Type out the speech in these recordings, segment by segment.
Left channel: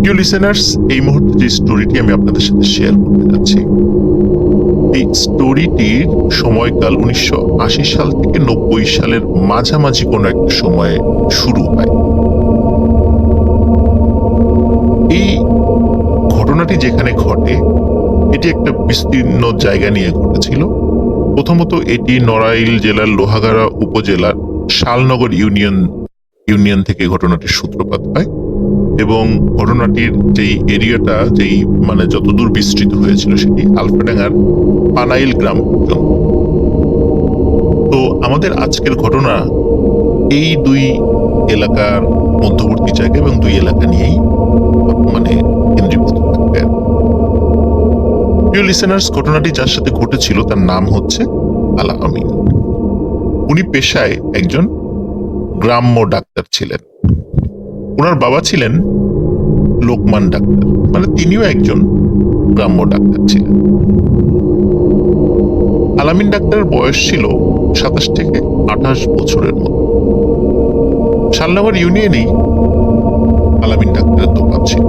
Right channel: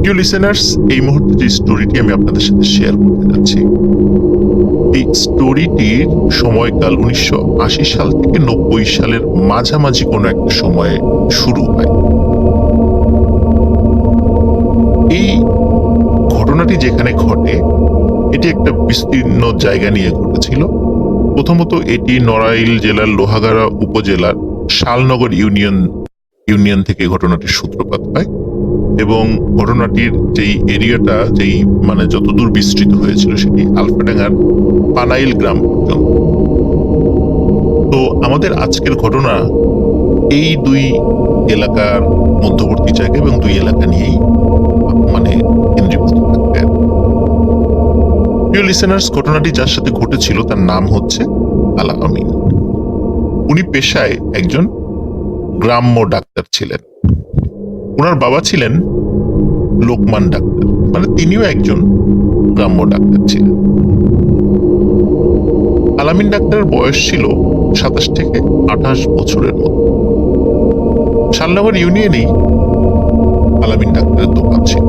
প্রিয় লিসেনার্স, এই মুহূর্তে যে স্টোরিটি আমি আপনাদের সাথে শেয়ার করতে যাচ্ছি, এই স্টোরিটির সময়কাল 1980 সাল থেকে 90 সালের মাঝামাঝি কোনো একটা সময়ে শুরু হয়। এই ঘটনাটি যেখানে ঘটে, এটি একটা বিস্তীর্ণ জায়গা নিয়ে ঘটেছিল। প্রথমত এটি নড়াইল জেলার লোহাগাড়া উপজেলার শালনগর ইউনিয়ন থেকে ঘটনাটির সূত্রপাত হয় এবং ঘটনাটির যেই এরিয়াটা যতদূর বিস্তৃত হয়েছিল সেটি আলফাডাঙ্গার পানাইল গ্রাম পর্যন্ত। তো আমাদের আজকের ঘটনা এই দুই এলাকার মধ্যবর্তী জায়গা এবং দুই এলাকা নিয়েই কেন্দ্রীভূত থাকবে। প্রিয় লিসেনার্স, ঘটনাটি যার সাথে ঘটেছিল তার নাম হচ্ছে আলা আমিন। উনি পেশায় একজন গ্রাম্য ডাক্তার ছিলেন। ওনার বাবা ছিলেন লোকমান ডাক্তার, তিনিও একজন গ্রাম্য ডাক্তার ছিলেন। আলামিন ডাক্তারের বয়স ছিল 27 থেকে 28 বছরের মতো। শালনগর ইউনিয়নেই আলামিন ডাক্তারের দোকান ছিল।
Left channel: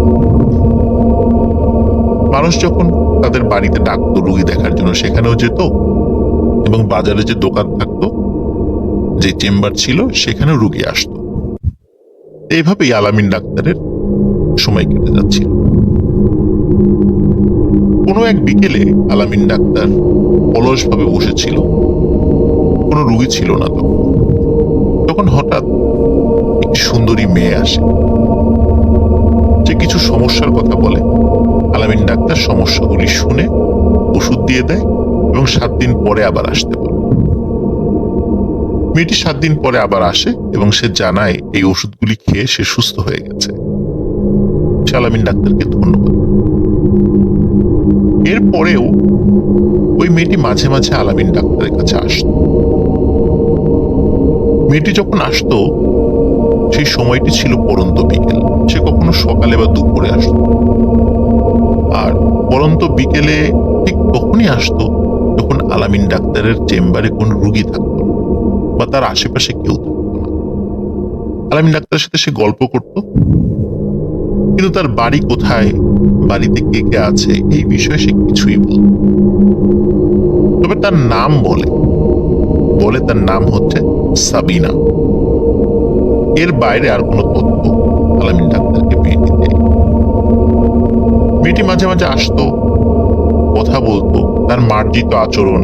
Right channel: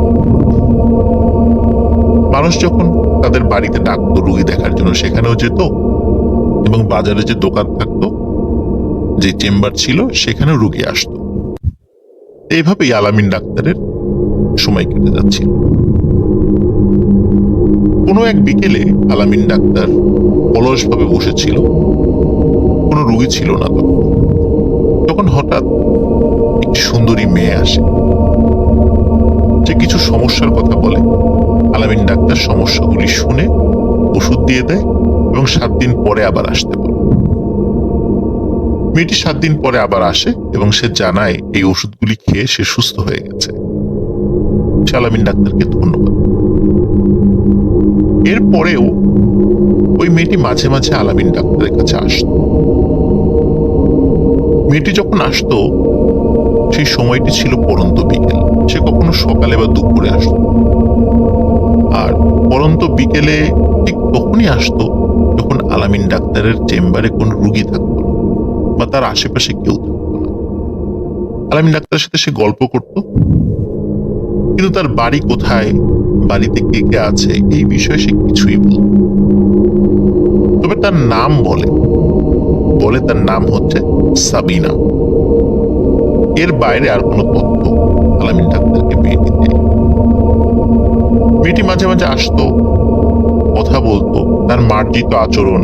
মানুষ যখন তাদের বাড়িতে ডাকতো রুগী দেখার জন্য, সেখানেও যেত এবং বাজারে যে দোকান থাকতো, যে চেম্বার ছিল, সেখানেও রুগী আসতো। এইভাবেই আলামিন ডাক্তারের সময় কেটে যাচ্ছিল। কোনো এক বিকেলে আলামিন ডাক্তার অলসভাবে বসেছিল, কোনো রুগী ছিল না। তখন হঠাৎ একটি সুন্দরী মেয়ে আসে, যে কিছু সমস্যার কথা বলে। আলামিন ডাক্তার সমস্যাগুলি শুনে ওষুধ দিয়ে দেয় এবং 7 দিন পরে আবার আসতে বলে। মেয়েটি 7 দিন পরে আবার আসে এবং সে জানায় এই ওষুধগুলি খেয়ে সে সুস্থ হয়ে গেছে। সে আলামিন ডাক্তারকে ধন্যবাদ। এরপরেও ওই মেয়েটি মাঝে মাঝে আলামিন ডাক্তারের কাছে আসত। মেয়েটি যখন আসতো, সেই সময়টি ছিল পরন্ত বিকেল। সে কখনো সকালে বা দুপুরে আসত, আর পরন্ত বিকেলে ঠিক তখনই আসতো যখন আলামিন ডাক্তারের চেম্বারে কোনো রুগী থাকতো না বা তার আশেপাশে কেউ থাকতো না। আলামিন ডাক্তারের সাথে সে গল্প করত, কিন্তু তার বাড়ি কোথায়, বাড়িতে কে কে আছে, এই বিষয়ে সে কিছুই বলত। তবে তার নাম বলে তার নাম হচ্ছে সাবিনা। এর বাইরে আর কোনো তথ্য আলামিন ডাক্তারকে মেয়েটি দেয়। মেয়েটি মাঝে মাঝে আসতো, কথা বলতো। তার মার্জিত আচরণ,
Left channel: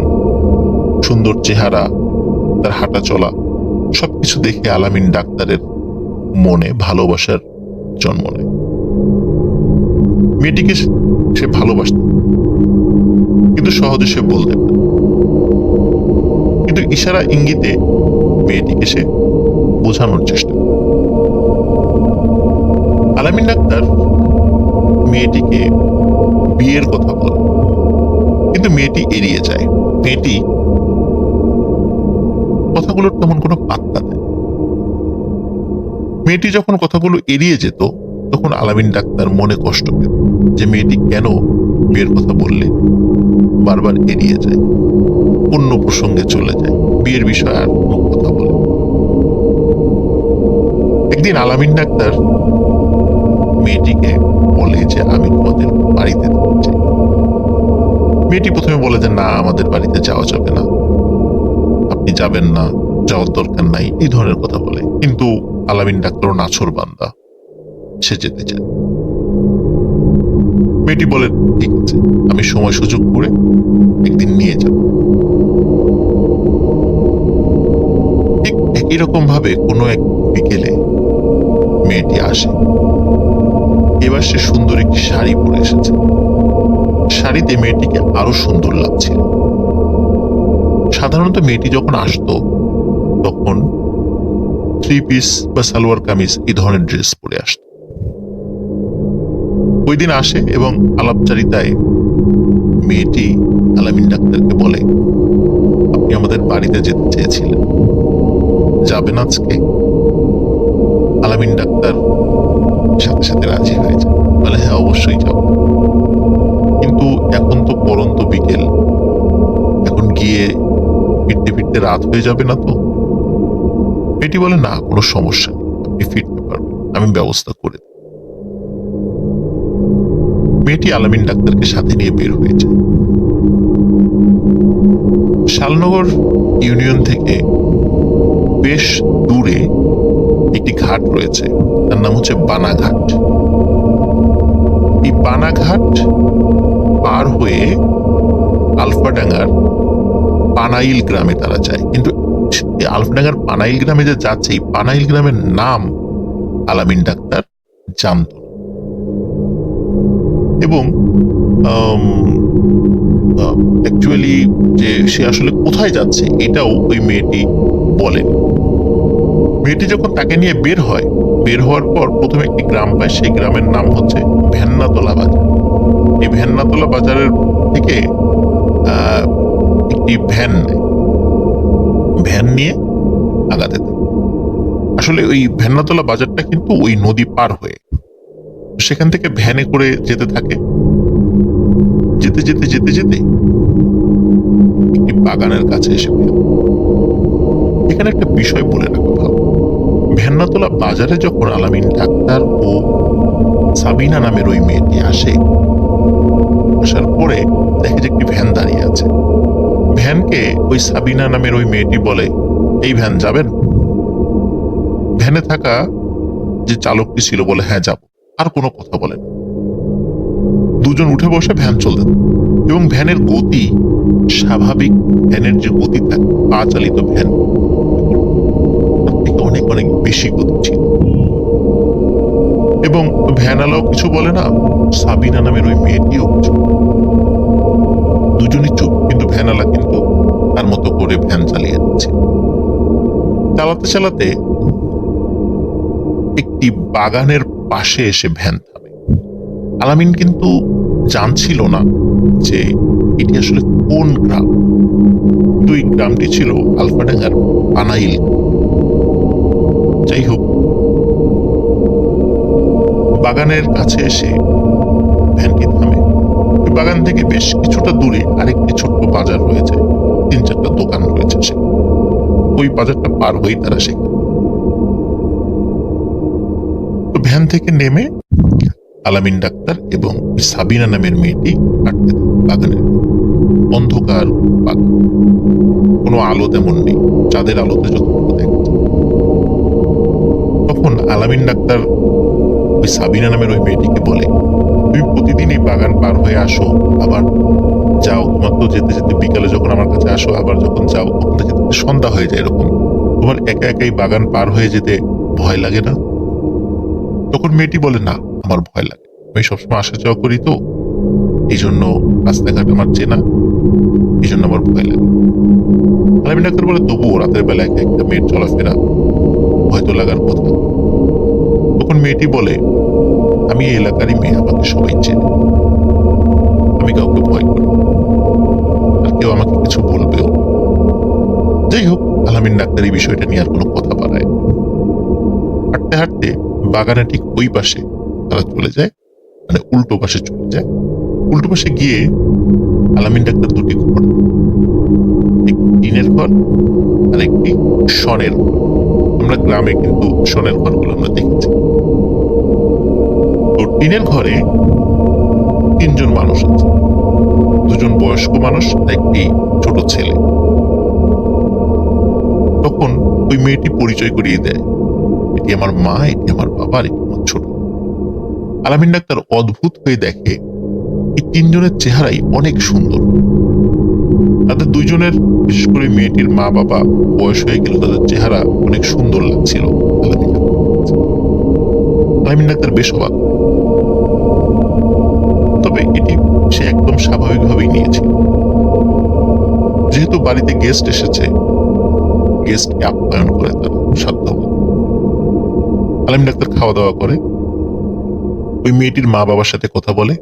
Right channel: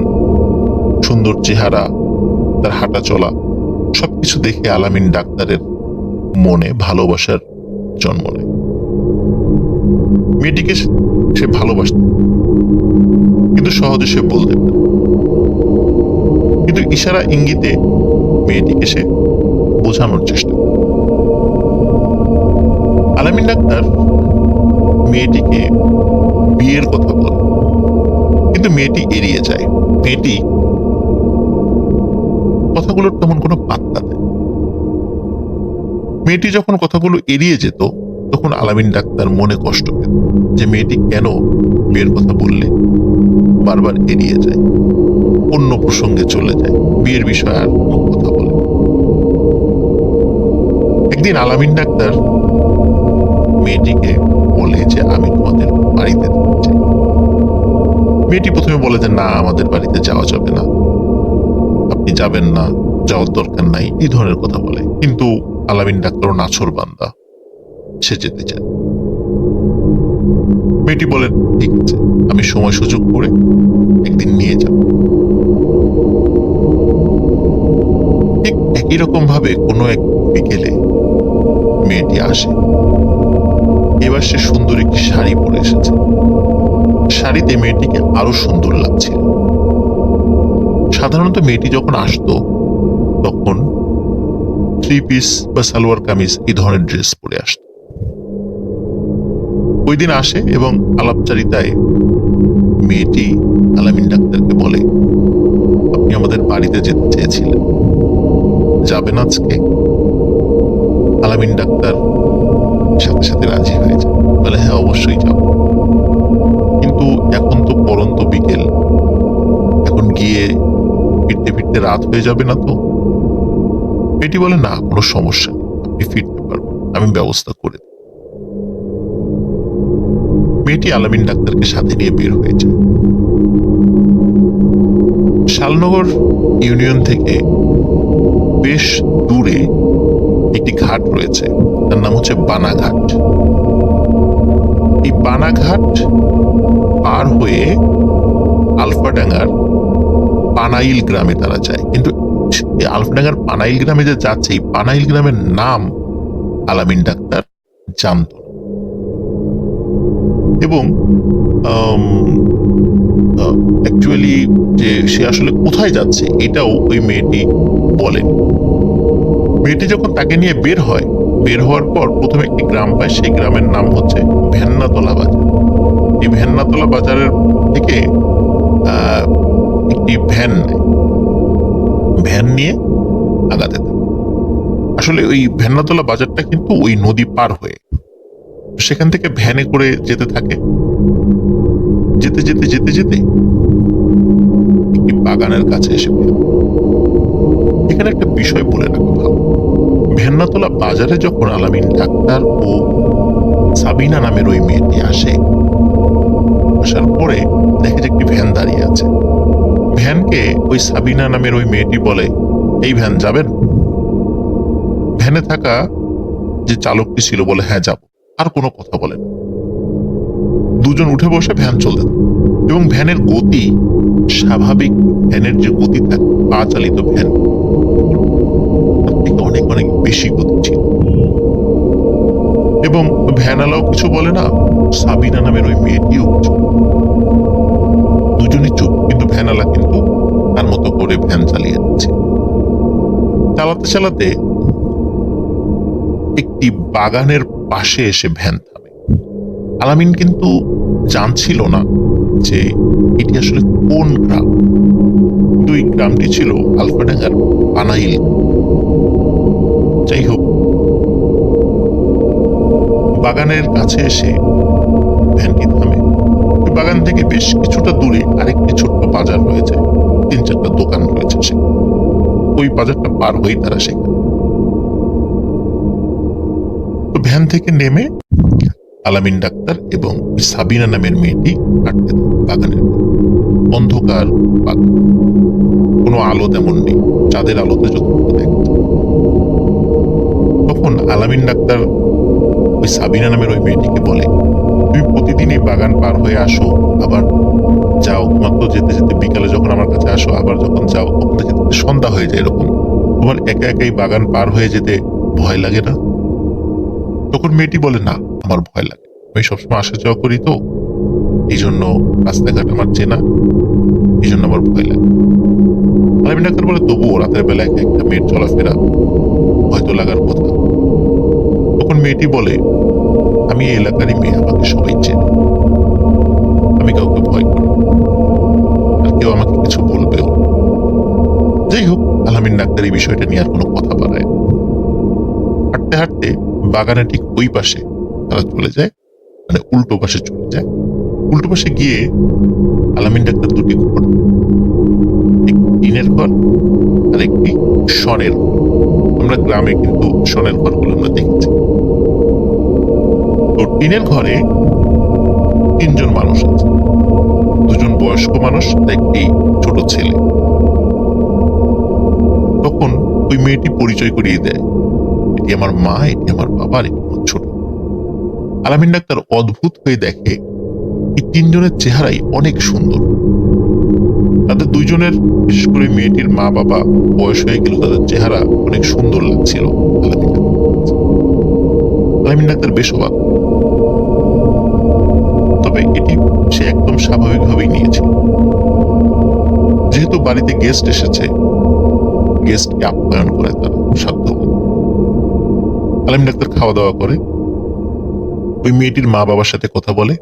সুন্দর চেহারা, তার হাঁটা চলা, সবকিছু দেখে আলামিন ডাক্তারের মনে ভালোবাসার জন্ম নেয়। মেয়েটিকে সে ভালোবাসত, কিন্তু সহজে সে বলতে পারে। কিন্তু ইশারা ইঙ্গিতে মেয়েটিকে সে বোঝানোর চেষ্টা করে। আলামিন ডাক্তার মেয়েটিকে বিয়ের কথা বলে, কিন্তু মেয়েটি এড়িয়ে যায়। মেয়েটি কথাগুলোর তেমন কোনো পাত্তা দেয়। মেয়েটি যখন কথাগুলো এড়িয়ে যেত, তখন আলামিন ডাক্তার মনে কষ্ট পেত যে মেয়েটি কেন বিয়ের কথা বললে বারবার এড়িয়ে যায়, অন্য প্রসঙ্গে চলে যায়, বিয়ের বিষয়ে আর কোনো কথা বলে। একদিন আলামিন ডাক্তার মেয়েটিকে বলে যে আমি তোমাদের বাড়িতে যেতে চাই। মেয়েটি প্রথমে বলে যে না, আমাদের বাড়িতে যাওয়া যাবে না, আপনি যাবেন না, যাওয়ার দরকার নাই, এই ধরনের কথা বলে। কিন্তু আলামিন ডাক্তারও নাছোড় বান্দা, সে যেতে চায়। মেয়েটি বলে ঠিক আছে, আমি সময় সুযোগ করে একদিন নিয়ে যাব। ঠিক একই রকম ভাবে কোনো এক বিকেলে মেয়েটি আসে। এবার সে সুন্দর একটি শাড়ি পরে এসেছে। শাড়িতে মেয়েটিকে আরো সুন্দর লাগছিল। সাধারণত মেয়েটি যখন আসতো, তখন 3 পিস বা সালোয়ার কামিজ এই ধরনের ড্রেস পরে আসতো। ওই দিন আসে এবং আলাপচারিতায় মেয়েটি আলামিন ডাক্তারকে বলে, আপনি আমাদের বাড়িতে যেতে চেয়েছিলেন, যাবেন আজকে? আলামিন ডাক্তার সাথে সাথে রাজি হয়ে যায়, বলে হ্যাঁ, অবশ্যই যাব, কিন্তু এখন তো পরন্ত বিকেল, এখন গিয়ে ফিরতে ফিরতে রাত হয়ে যাবে না তো? মেয়েটি বলে না, কোনো সমস্যা নেই, আপনি ফিরতে পারবেন, আমি ব্যবস্থা করে দেব। মেয়েটি আলামিন ডাক্তারকে সাথে নিয়ে বের হয়েছে। শালনগর ইউনিয়ন থেকে বেশ দূরে একটি ঘাট রয়েছে, তার নাম হচ্ছে বানাঘাট। এই বানাঘাট পার হয়ে আলফাডাঙ্গার পানাইল গ্রামে তারা যায়, কিন্তু আলফাডাঙ্গার পানাইল গ্রামে যে যাচ্ছে, এই পানাইল গ্রামের নাম আলামিন ডাক্তার জানত না। এবং অ্যাকচুয়ালি যে সে আসলে কোথায় যাচ্ছে এটাও ওই মেয়েটি বলেনি। মেয়েটি যখন তাকে নিয়ে বের হওয়ার পর প্রথমে একটি গ্রাম পায়, সেই গ্রামের নাম হচ্ছে ভেন্নাতলা বাজার। এই ভেন্নাতলা বাজারের থেকে একটি ভ্যান নিয়ে আগাতে থাকে। আসলে ওই ভেন্নাতলা বাজারটা কিন্তু ওই নদী পার হয়ে, সেখান থেকে ভ্যানে করে যেতে থাকে। যেতে যেতে যেতে যেতে একটি বাগানের কাছে এসে ফেলে। এখানে একটা বিষয় বলে রাখা ভালো, ভেন্নাতলা বাজারে যখন আলামিন ডাক্তার ও সাবিনা নামের ওই মেয়েটি আসার পরে দেখে যে একটি ভ্যান দাঁড়িয়ে আছে। ভ্যানকে ওই সাবিনা নামের ওই মেয়েটি বলে, এই ভ্যান যাবেন? ভ্যানে থাকা যে চালকটি ছিল বলে, হ্যাঁ যাব। আর কোনো কথা বলে না। দুজন উঠে বসে ভ্যান চলতে থাকে এবং ভ্যানের গতি স্বাভাবিক ভ্যানের যে গতি থাকে, পা চালিত ভ্যান, তার থেকে অনেক অনেক বেশি গতি ছিল। এবং ভ্যানালাও কিছু বলে না, সাবিনা নামের ওই মেয়েটিও কিছু। দুজনই চুপ, কিন্তু ভ্যানালা কিন্তু তার মতো করে ভ্যান চালিয়ে যাচ্ছে। চালাতে চালাতে একটি বাগানের পাশে এসে ভ্যান থামে। আলামিন কিন্তু জানছিল না যে এটি আসলে কোন গ্রাম। কিন্তু এই গ্রামটি ছিল আলফাডাঙ্গার পানাইল। যাই হোক, বাগানের কাছে এসে ভ্যানটি থামে। ওই বাগান থেকে বেশ কিছুটা দূরে আরেকটি ছোট্ট বাজার রয়েছে, 3-4টা দোকান রয়েছে। সে ওই বাজারটা পার হয়েই তারা সেখানে। তো ভ্যান থেকে নেমে আলামিন ডাক্তার এবং সাবিনা নামের মেয়েটি হাঁটতে থাকে বাগানের। অন্ধকার বাগান, কোনো আলো তেমন নেই, চাঁদের আলোতে যতটুকু দেখা যায়। তখন আলামিন ডাক্তার ওই সাবিনা নামের ওই মেয়েটিকে বলে, তুমি প্রতিদিন এই বাগান পার হয়ে আসো, আবার যাও। তোমার তো যেতে যেতে বিকালে যখন আমার কাছে আসো, আবার যখন যাও তখন থেকে সন্ধ্যা হয়ে যায়। এরকম তোমার একা একাই বাগান পার হয়ে যেতে ভয় লাগে না? তখন মেয়েটি বলে, না, আমার ভয় লাগে। আমি সবসময় আসা যাওয়া করি, তো এই জন্য রাস্তাঘাট আমার চেনা, এই জন্য আমার ভয় লাগে। আলামিন ডাক্তার বলে, তবুও রাতের বেলা একা একটা মেয়ের চলাফেরা হয়তো লাগার কথা। তখন মেয়েটি বলে, আমি এই এলাকারই মেয়ে, আমাকে সবাই চেনে, আমি কাউকে ভয় করি, আর কেউ আমাকে কিছু বলবেও। যাই হোক, আলামিন ডাক্তার এই বিষয়টা নিয়ে আর কোনো কথা বাড়ায়। হাঁটতে হাঁটতে বাগানে ঠিক ওই পাশে তারা চলে যায়, মানে উল্টো পাশে চলে যায়। উল্টো পাশে গিয়ে আলামিন ডাক্তার দুটি ঘর, একটি টিনের ঘর আর একটি শনের ঘর। আমরা গ্রামে কিন্তু শনের ঘরগুলো আমরা দেখেছি। তো টিনের ঘরে 3জন মানুষ আছে, 2জন বয়স্ক মানুষ আর একটি ছোট ছেলে। তখন ওই মেয়েটি পরিচয় করিয়ে দেয়, এটি আমার মা, এটি আমার বাবা, আর এটি আমার ছোট। আলামিন ডাক্তার অদ্ভুত হয়ে দেখে এই 3জনের চেহারাই অনেক সুন্দর। তাদের 2জনের, বিশেষ করে মেয়েটির মা বাবা বয়স হয়ে গেল, তাদের চেহারা অনেক সুন্দর লাগছিল আলামিন ডাক্তার বেশ অবাক। তবে এটি সে একদম স্বাভাবিকভাবেই নিয়েছিল। যেহেতু বাড়িতে গেস্ট এসেছে, গেস্টকে আপ্যায়ন করে তারা সাধ্যমতো। আলামিন ডাক্তার খাওয়া দাওয়া করে, ওই মেয়েটির মা বাবার সাথে কথা বলে,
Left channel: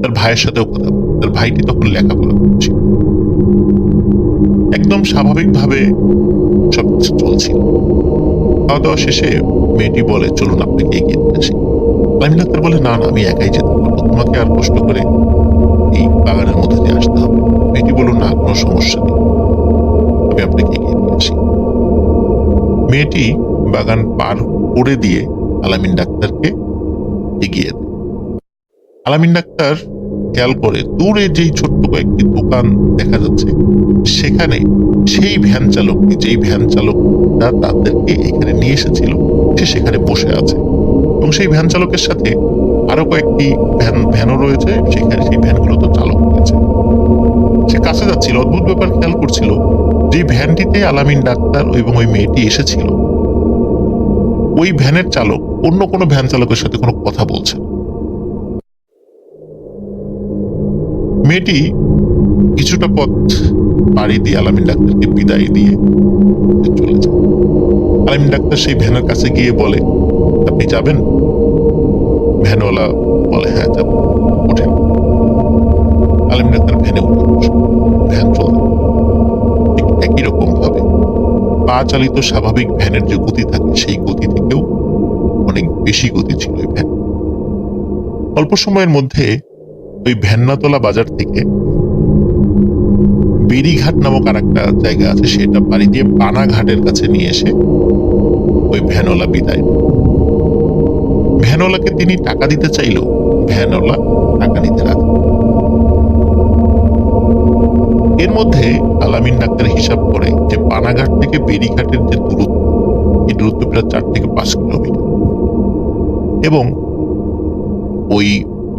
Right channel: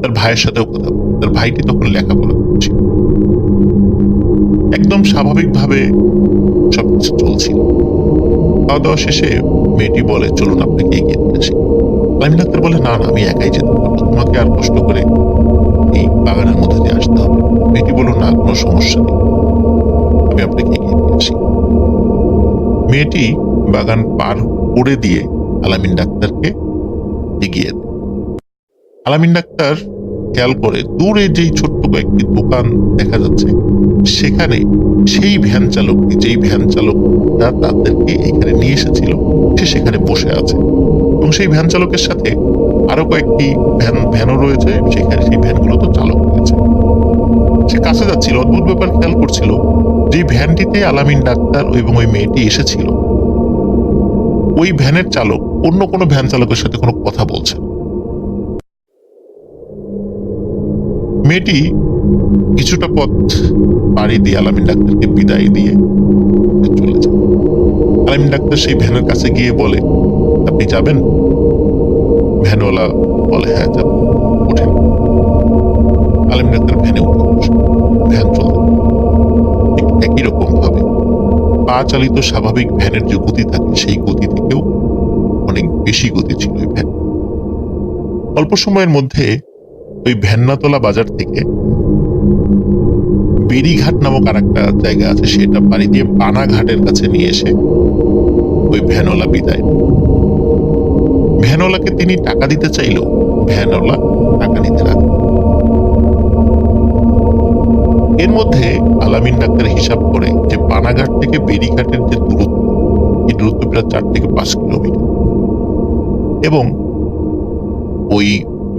তার ভাইয়ের সাথেও কথা বলে। তার ভাইটি তখন লেখাপড়া করছিল। একদম স্বাভাবিকভাবে সবকিছু চলছিল। খাওয়া দাওয়া শেষে মেয়েটি বলে, চলুন আপনাকে এগিয়ে দিয়ে আসি। আলামিন ডাক্তার বলে, না না, আমি একাই যেতে পারবো, তোমাকে আর কষ্ট করে এই বাগানের মধ্যে দিয়ে আসতে হবে। মেয়েটি বলল, না, কোনো সমস্যা নেই, আমি আপনাকে এগিয়ে দিয়ে আসি। মেয়েটি বাগান পার করে দিয়ে আলামিন ডাক্তারকে এগিয়ে দেয়। আলামিন ডাক্তার খেয়াল করে দূরে যেই ছোট্ট কয়েকটি দোকান দেখা যাচ্ছে, সেখানে সেই ভ্যান চালকটি, যেই ভ্যান চালকটা তাদেরকে এখানে নিয়ে এসেছিল, সে সেখানে বসে আছে এবং সেই ভ্যান চালকের সাথে আরো কয়েকটি ভ্যানও রয়েছে, সেখানে সেই ভ্যানগুলো তো চালক রয়েছে। সে কাছে যাচ্ছিল, অদ্ভুত ব্যাপার খেয়াল করছিল যে ভ্যানটিতে আলামিন ডাক্তার এবং ওই মেয়েটি এসেছিল, ওই ভ্যানের চালক অন্য কোনো ভ্যান চালকের সাথে কোনো কথা বলছে না। মেয়েটি কিছুটা পথ পাড়ি দিয়ে আলামিন ডাক্তারকে বিদায় দিয়ে চলে যায়। আলামিন ডাক্তার সেই ভ্যানের কাছে গিয়ে বলে, আপনি যাবেন? ভ্যানওয়ালা বলে, হ্যাঁ যাব। ওঠেন। আলামিন ডাক্তার ভ্যানে উঠে বসে, ভ্যান চলতে ঠিক একই রকম ভাবে পা চালিত স্বাভাবিক ভ্যানের যে গতি থাকে, সেই গতি থেকেও অনেক বেশি গতি ছিল ওই ভ্যান। অল্প সময়ের মধ্যে ওই ভ্যান্নাতলা বাজার থেকে বেরিঘাট নামক আর একটা জায়গা আছে, সেটা পাড়ি দিয়ে বানাঘাটের কাছে নিয়ে এসে ওই ভ্যানওয়ালা বিদায়। ভ্যানওয়ালাকে তিনি টাকা দিতে চাইলেও ভ্যানওয়ালা টাকা নিতে রাজি। এর মধ্যে আলামিন ডাক্তার হিসাব করে যে বানাঘাট থেকে বেরিঘাটের যে দূরত্ব, এই দূরত্ব প্রায় 4 থেকে 5 কিলোমিটার এবং ওই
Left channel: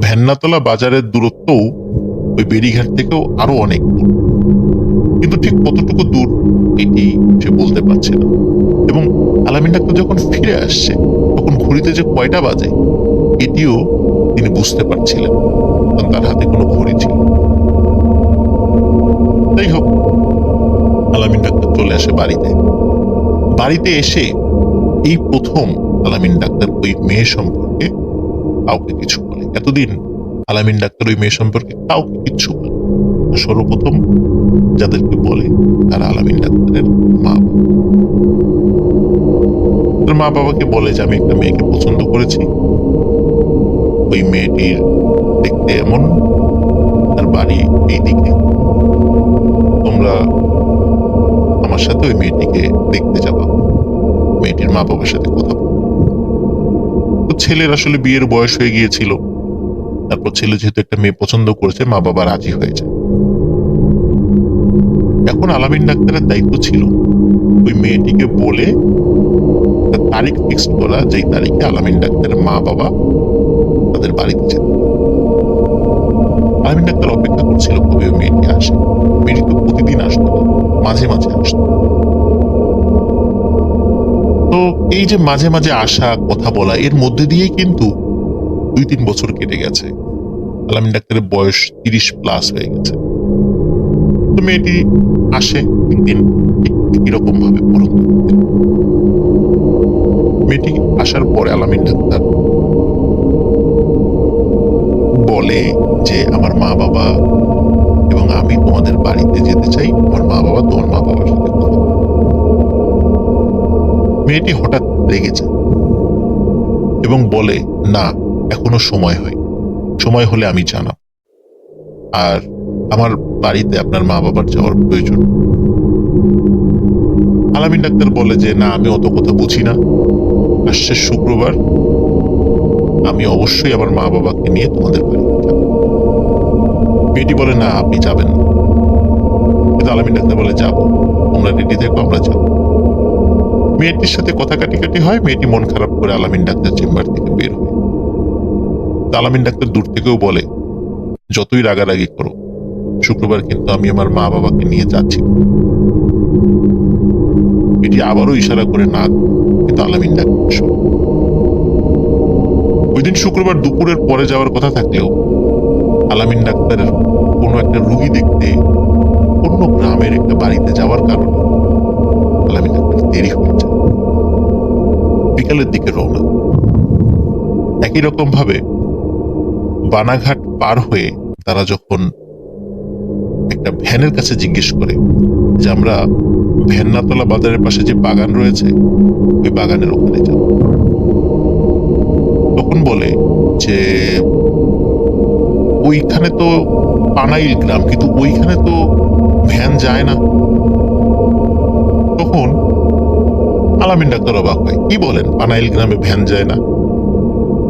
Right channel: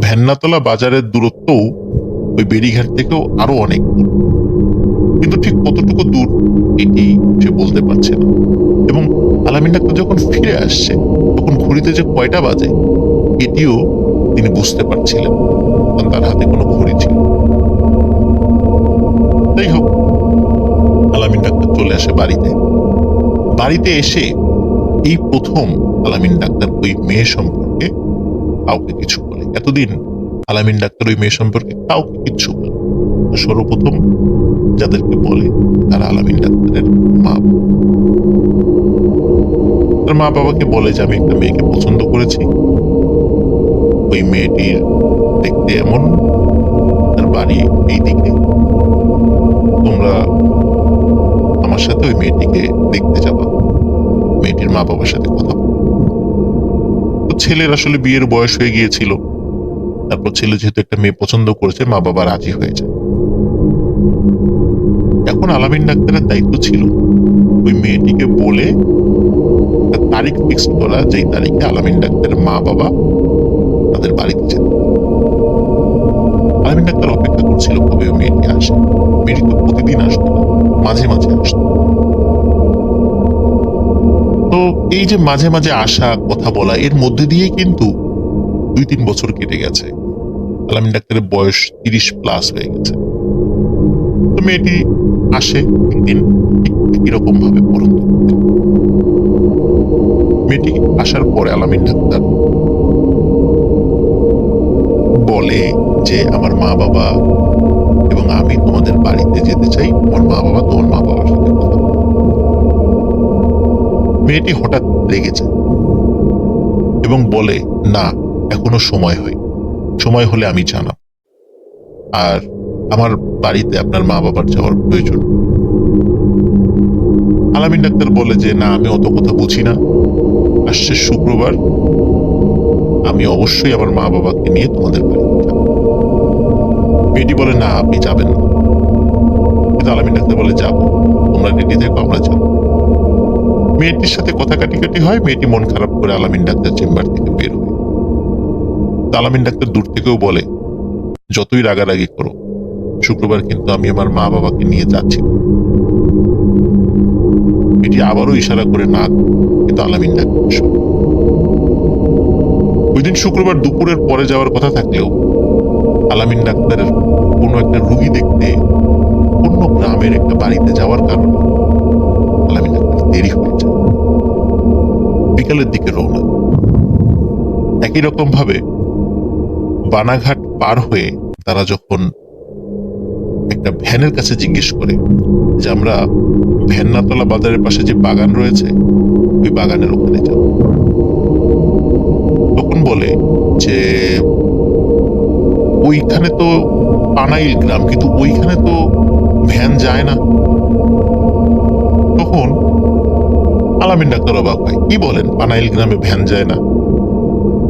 ভ্যান্নাতলা বাজারের দূরত্বও ওই বেরিঘাট থেকেও আরো অনেক দূর, কিন্তু ঠিক কতটুকু দূর এটি সে বলতে পারছে না। এবং আলামিন ডাক্তার যখন ফিরে আসছে, তখন ঘড়িতে যে কয়টা বাজে এটিও তিনি বুঝতে পারছিলেন, কারণ তার হাতে কোনো ঘড়ি ছিল। যাই হোক, আলামিন ডাক্তার চলে আসে বাড়িতে। বাড়িতে এসে এই প্রথম আলামিন ডাক্তার ওই মেয়ে সম্পর্কে কাউকে কিছু বলে। এতদিন আলামিন ডাক্তার ওই মেয়ে সম্পর্কে কাউকে কিচ্ছু বলে। সর্বপ্রথম যাদেরকে বলে তারা আলামিন ডাক্তারের মা বাবা। তার মা বাবাকে বলে যে আমি একটা মেয়েকে পছন্দ করেছি, ওই মেয়েটির দেখতে এমন, তার বাড়ি এই দিকে, তোমরা আমার সাথে ওই মেয়েটিকে দেখতে যাবা, মেয়েটির মা বাবার সাথে কথা বল। তো ছেলের আসলে বিয়ের বয়স হয়ে গিয়েছিল, তারপর ছেলে যেহেতু একটা মেয়ে পছন্দ করেছে, মা বাবা রাজি হয়ে যায়। এখন আলামিন ডাক্তারের দায়িত্ব ছিল ওই মেয়েটিকে বলে একটা তারিখ ফিক্স করা, যেই তারিখে আলামিন ডাক্তারের মা বাবা তাদের বাড়িতে যেত। আলামিন ডাক্তার অপেক্ষা করছিল কবে ওই মেয়েটি আসে। মেয়েটি তো প্রতিদিন আসতো না, মাঝে মাঝে আসতো। তো এই যে মাঝে মাঝে আসা, কথা বলা, এর মধ্যে দিয়েই কিন্তু 2-3 বছর কেটে গেছে। আলামিন ডাক্তারের বয়স 30+ হয়ে গেছে। তো মেয়েটি আসে একদিন ঠিক একই রকম ভাবে পড়ন্ত করতে। মেয়েটি আসার পরে আলামিন ডাক্তার বলে যে আমার মা বাবা এবং আমি তোমাদের বাড়িতে যেতে চাই, আমার মা বাবা তোমার মা বাবার সাথে কথা বলো। মেয়েটি হঠাৎ রেগে যায় এবং বলে, না, এখনো সময় হয়, সময় হলে আমি জানাব, আর আমার বাড়িতে আপনার মা বাবার যাওয়ার প্রয়োজন। আলামিন ডাক্তার বলে যে না, আমি অত কথা বুঝি না, আসছে শুক্রবার, আমি অবশ্যই আমার মা বাবাকে নিয়ে তোমাদের বাড়িতে যাব। মেয়েটি বলে, না, আপনি যাবেন না। কিন্তু আলামিন ডাক্তার বলে, যাব, তোমরা রেডি থেকো, আমরা যাব। মেয়েটির সাথে কথা কাটি হয়। মেয়েটি মন খারাপ করে আলামিন ডাক্তার চেম্বার থেকে বের হয়। আলামিন ডাক্তার দূর থেকেও বলে, যতই রাগারাগি করো, শুক্রবার কিন্তু আমি আমার মা বাবাকে নিয়ে যাচ্ছি। এটি আবারও ইশারা করে না, কিন্তু আলামিন ডাক্তার শোনে। ওই দিন শুক্রবার দুপুরের পরে যাওয়ার কথা থাকলেও আলামিন ডাক্তারের কোনো একটা রুগী দেখতে অন্য গ্রামের একটা বাড়িতে যাওয়ার কারণে আলামিন ডাক্তার দেরি হয়ে যায়। বিকালের দিকে রওনা। একই রকম ভাবে বানাঘাট পার হয়ে তারা যখন একটা ভ্যানের কাছে জিজ্ঞেস করে যে আমরা ভ্যান্নাতলা বাজারের পাশে যে বাগান রয়েছে, ওই বাগানের ওখানে যাব, তখন বলে যে ওইখানে তো পানাইল গ্রাম, কিন্তু ওইখানে তো ভ্যান যায় না। তখন আলামিন ডাক্তার অবাক হয়, কি বলেন, পানাইল গ্রামে ভ্যান যায় না?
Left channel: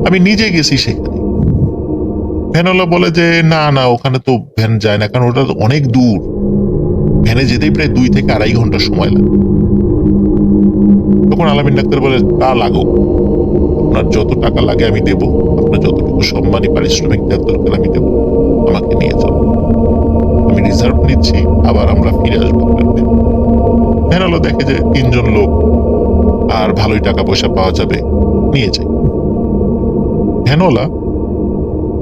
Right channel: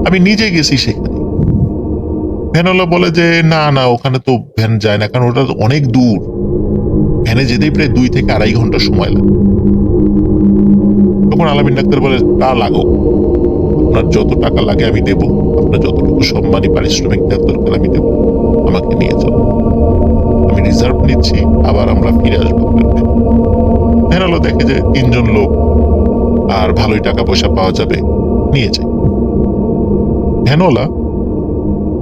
আমি নিজে গেছি সেখানে, ভ্যানওয়ালা বলে যে না না, ওখানে তো ভ্যান যায় না, কারণ ওটা তো অনেক দূর, ভ্যানে যেতেই প্রায় 2 থেকে 2.5 ঘন্টা সময় লাগে। তখন আলামিন ডাক্তার বলে, তা লাগুক, আপনার যত টাকা লাগে আমি দেব, আপনার যতটুকু সম্মানী পারিশ্রমিক দেওয়ার দরকার আমি দেব, আমাকে নিয়ে চলো, আমি রিজার্ভ নিচ্ছি, আবার আমরা ফিরে আসবো আপনার ভ্যানে। ভ্যানওয়ালা দেখে যে 3 জন লোক আর ভালোই টাকা পয়সা পাওয়া যাবে, নিয়ে যায়। ভ্যানওয়ালা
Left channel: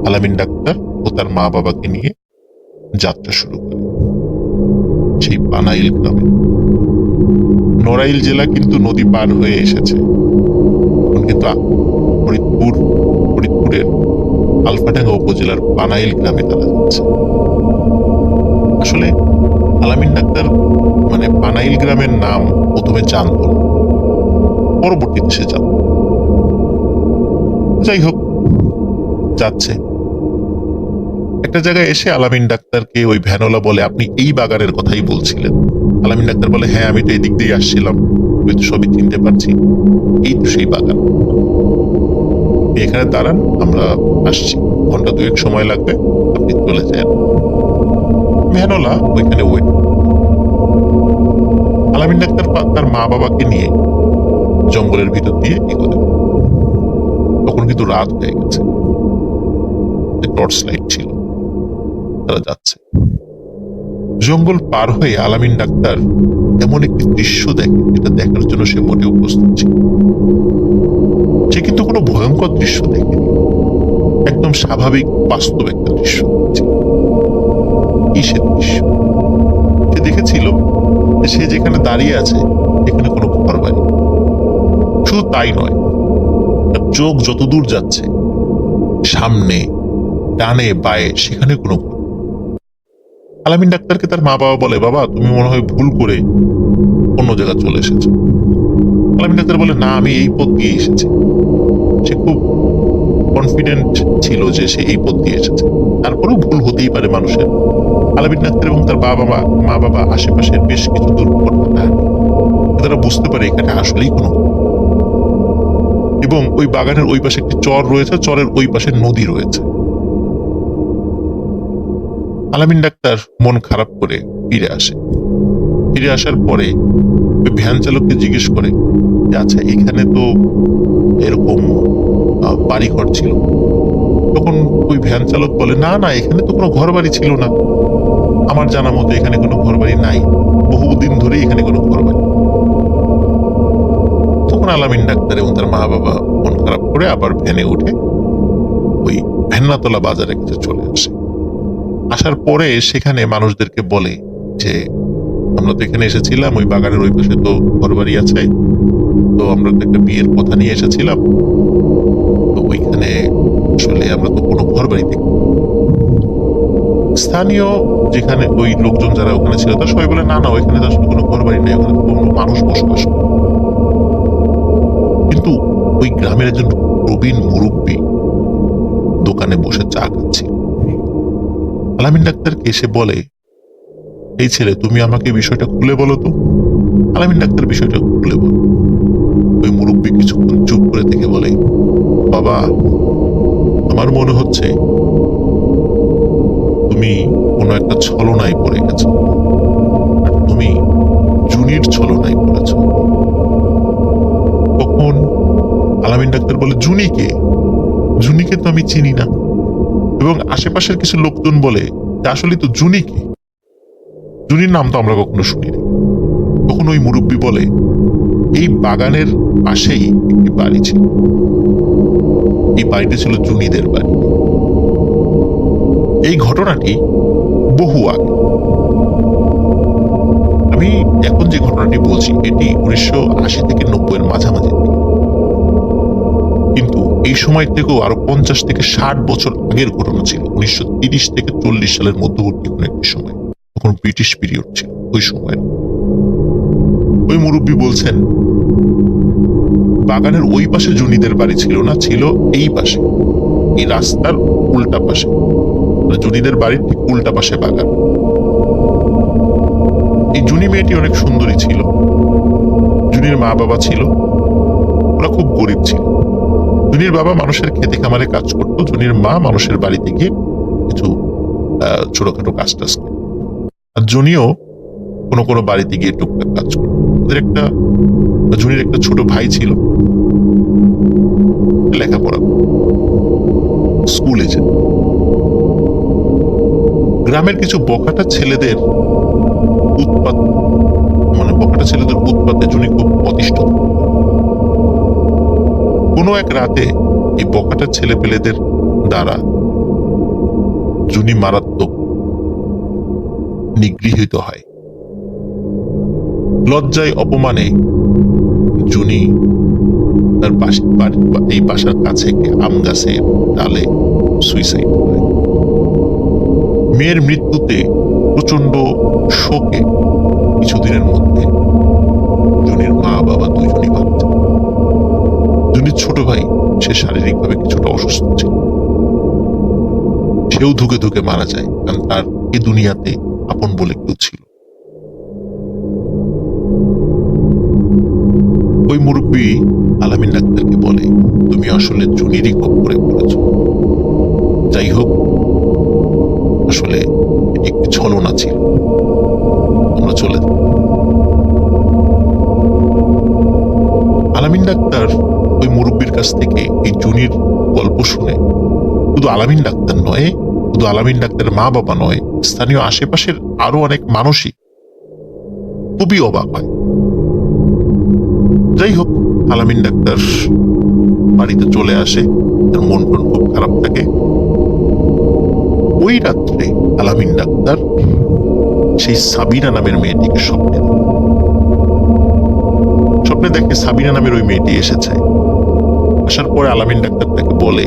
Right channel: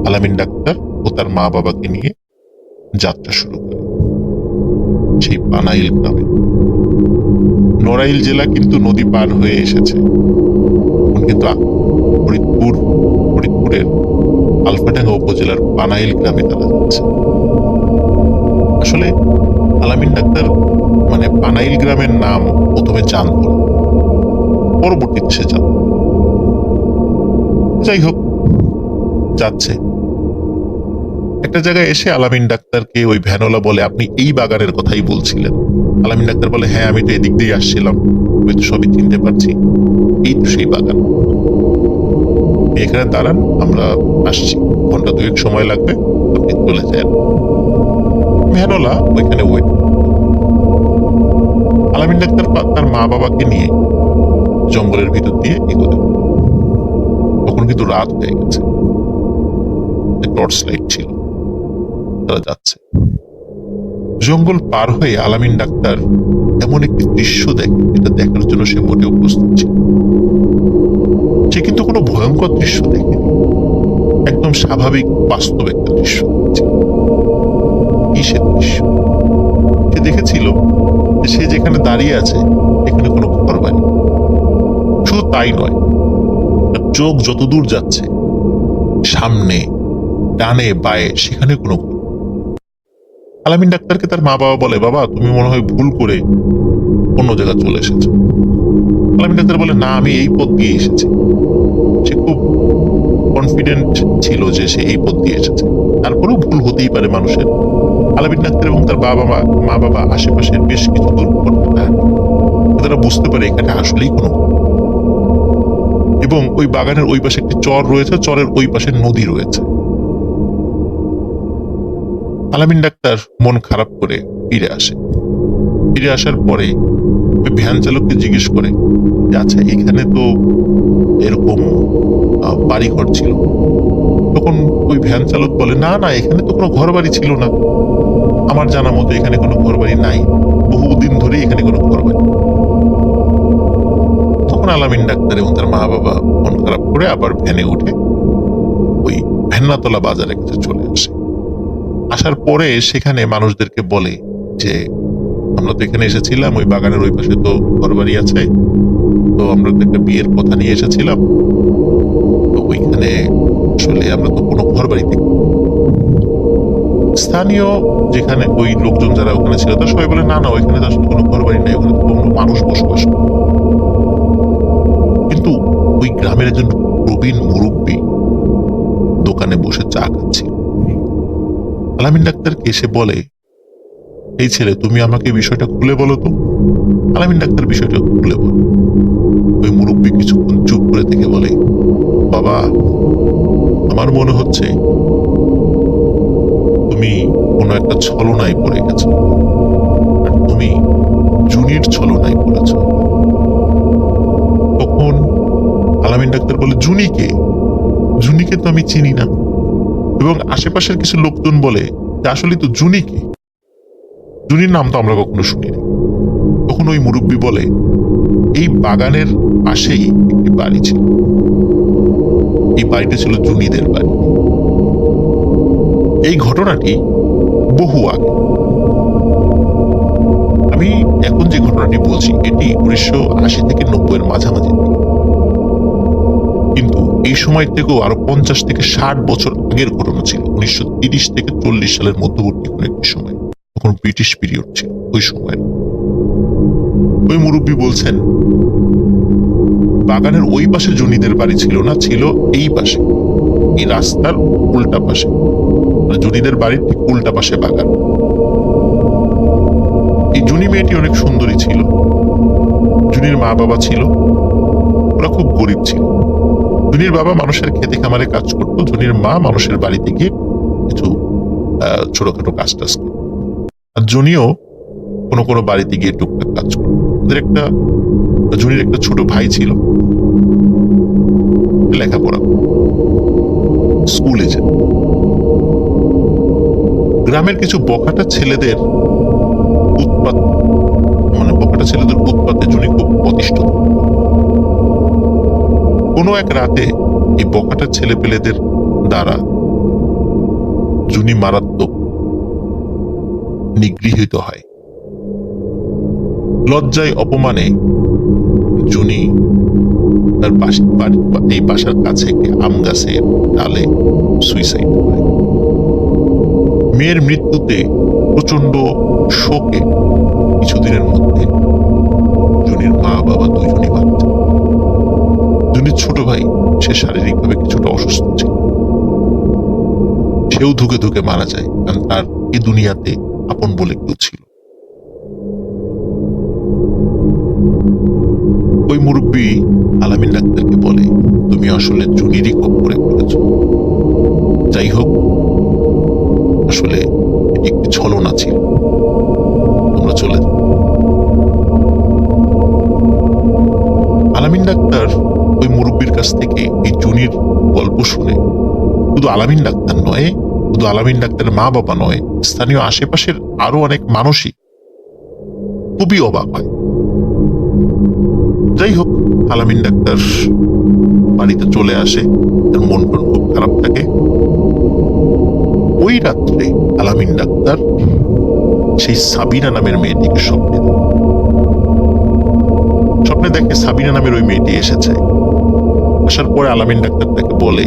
আলামিন ডাক্তার ও তার মা বাবাকে নিয়ে যাত্রা শুরু করে সেই পানাইল গ্রামে। নড়াইল জেলা কিন্তু নদী পার হয়ে এসেছে, এখন কিন্তু ফরিদপুরের আলফাডাঙ্গা উপজেলার পানাইল গ্রামে তারা যাচ্ছে। আসলে আলামিন ডাক্তার মানে পানাইল গ্রামের নাম প্রথমে জানত না, পরবর্তীতে সে জানত। যাই হোক, যাচ্ছে। একটা জায়গায় এসে আলামিন ডাক্তারকে ওই ভ্যানওয়ালা বলে, আপনি এই বাগানের কথাই বলছিলেন? আলামিন ডাক্তার বলে, হ্যাঁ আমি তো এদিক দিয়ে আসছিলাম, আমি তো সবই চিনতে পারছি, এই তো সেই বাগান, এখানে দাঁড়ান, আমরা আসছি, 1-2 ঘন্টা সময় লাগবে, আপনি চলে যান। ভ্যানওয়ালা ওইখানে ওয়েট। আলামিন ডাক্তার তার মা বাবাকে নিয়ে জঙ্গলের ভিতর দিয়ে এগোলেন। তখন কিন্তু রাত হয়ে গেছে, টর্চ লাইট ছিল, তারা যাচ্ছে। জঙ্গল পার হয়ে আলামিন ডাক্তার এমন একটি দৃশ্য দেখে, যেটা দেখার জন্য সে মোটেও প্রস্তুত ছিল। সে কিন্তু কোনো ভয়ঙ্কর দৃশ্য দেখেনি, একদম স্বাভাবিক বাস্তব একটা দৃশ্য দেখছে। কি সে দৃশ্য? সে দেখেছিল যে সে যেখানে দাঁড়িয়ে আছে এখানে কোনো ঘর বাড়ি। শুধু তাই নয়, তার চোখ যতদূর যাচ্ছে, সামনে ডানে বায়ে সেখানে কোনো ঘর। আলামিন ডাক্তারকে তার মা বাবা বলে, বাবা তুমি মনে হয় ভুল করে অন্য জায়গায় চলে এসেছো। আলামিন ডাক্তার বলে, না আমি এই পথ দিয়ে এসেছি। সে খুব কনফিডেন্ট ছিল যে সে এই পথ দিয়ে এসেছে, তারপরেও ভুল হতেই পারে মানুষের। আলামিন ডাক্তার এবং তার মা বাবা আশেপাশের বেশ কিছু দূর তারা বুঝতে পারে এখানে আসলেই কোনো, এবং ওই বাগানের ওই পাশে একটি চর রয়েছে, চরের ওই পাশে নদী রয়েছে। আলামিন ডাক্তার মন খারাপ করে ফিরে আসে। ফিরে আসার পরে ওই ভ্যান চালককে জিজ্ঞেস করে যে আচ্ছা এখানে তো এরকম বাড়িঘর ছিল। তখন ওই ভ্যান চালক বলে, না না এখানে তো কোনো ঘর বাড়ি ছিল না, আমার জানা মতো এখানে কোনো ঘর বাড়ি নাই, বহুদিন ধরে এখানে কোনো ঘর বাড়ি। তখন আলামিন ডাক্তার এবং তার মা বাবা মন খারাপ করে আবার ভ্যানে উঠে ওই ভেন্নাতলা বাজারের কাছে চলে আসে। আসার পরে সেখানে মানুষদেরকে বলে যে আমরা তো এখানে এসেছিলাম, ওই বাগানের ওই পাশে তো ঘর বাড়ি আছে, তো আমরা তো একটা বিয়ের কথা নিয়ে এসেছিলাম, তো ওইখানে আসলে আমরা তো কোনো ঘর বাড়ি দেখি। স্থানীয় যেখানে ওই লোকজন যারা ওখানে ছিল তারা সবাই বলে, না না ওইখানে তো আসলে কোনো ঘর বাড়ি নেই, ওখানে তো কোনো মানুষ বসবাস করে। কিন্তু ওই গ্রামের একজন প্রবীণ মুরব্বী দোকানে বসে চা খাচ্ছিল। আলামিন ডাক্তারকে এসে বলে, এই ছেলে তুমি আমাকে বিষয়টা খুলে বলো তো। আলামিন ডাক্তার বিষয়টা খুলে বলে। ওই মুরব্বী কিছুক্ষণ চুপ করে থেকে বলে, বাবা আমার মনে হচ্ছে তুমি কোনো একটা ছলনায় পড়ে গেছো, আর তুমি জুনির ছলনায় পড়েছ। তখন আলামিন ডাক্তার বলে, জুনিকে? জুনিকে তো আমি চিনি না, এবং আশেপাশের কিছু লোকজন বলে আসলে তো জুনিকে, জুনির নাম তো আমরা কখনো শুনিনি। তখন ওই মুরব্বী বলে, এই বাগানের পাশেই একটি বাড়ি ছিল, এই বাড়িটা ছিল জুনিদের বাড়ি। এই ঘটনাটি বহু আগে, আমি এখন যে ঘটনাটি বলছি এটি 1980 থেকে 90 এর মাঝামাঝি দিকে, কিন্তু এই সময় থেকেও আরো 50 থেকে 60 বছর আগের ঘটনা ছিল। 1930 থেকে 40 সালের মধ্যবর্তী কোন একটি সময়, তখন ব্রিটিশ পিরিয়ড ছিল ওই সময়। ওই মুরব্বী বলছেন, বাগানের ওই পাশে জুনিদের বাড়ি ছিল না, ছিল এই পাশে, এই রাস্তার উল্টা পাশে, জুনিদের বাড়ির ঠিক উল্টা পাশে বাগান। এই জুনি মেয়েটি অনেক সুন্দরী ছিল, জুনির মা বাবা ছিল, ওরা খুব গরিব ছিল। জুনির বাবা মানুষের খেতে খামারে কাজ করতো, জুনির মা মানুষের বাড়িতে গিয়ে কিছু ছোটখাটো কাজ টাজ করতো, আর জুনিও কোনো কোনো বাড়িতে গিয়ে টুকটাক কাজ করতো। জুনির একটা ছোট ভাই ছিল, লেখাপড়া স্কুলে যায়। গ্রামের কিছু বখাটা ছেলেদের উৎপাতে জুনি খুব অতিষ্ঠ। কোনো এক রাতে এই বখাটা ছেলেপেলেদের দ্বারা জুনি মারাত্মক নিগৃহীত হয়। লজ্জায় অপমানে জুনি তার এই বাসার কাছে একটি আম গাছের ডালে সুইসাইড করে। মেয়ের মৃত্যুতে প্রচন্ড শোকে কিছুদিনের মধ্যে জুনির মা বাবা দুইজনই মারা যায়। জুনির ছোট ভাই, সে শারীরিকভাবে কিছুটা অসুস্থ ছিল, সেও ধুকে ধুকে মারা যায়, কারণ তার এই দুনিয়াতে আপন বলে কেউ ছিল। ওই মুরব্বী আলামিন ডাক্তারকে বলে, তুমি আসলে জুনিরই খপ্পরে পড়েছ। যাই হোক, আসলে এটি একটি ছলনা ছিল, তোমরা চলে যাও। আলামিন ডাক্তার ওই মুরব্বীর কাছ থেকে এই জুনির গল্প শুনে শুধু আলামিন ডাক্তার নয়, শুধু আলামিন ডাক্তারের মা বাবা নয়, স্থানীয় আশেপাশের আরো অনেক মানুষই খুবই অবাক হয়। যাই হোক, আলামিন ডাক্তার বাড়িতে চলে আসে, তার মন টন খুব খারাপ থাকে। ওই রাত্রে আলামিন ডাক্তার সেই সাবিনা নামের মেয়েটিকে স্বপ্নে দেখে সাবিনা নামের ওই মেয়েটি এসেছে। আসার পরে আলামিন ডাক্তার তাকে বলে,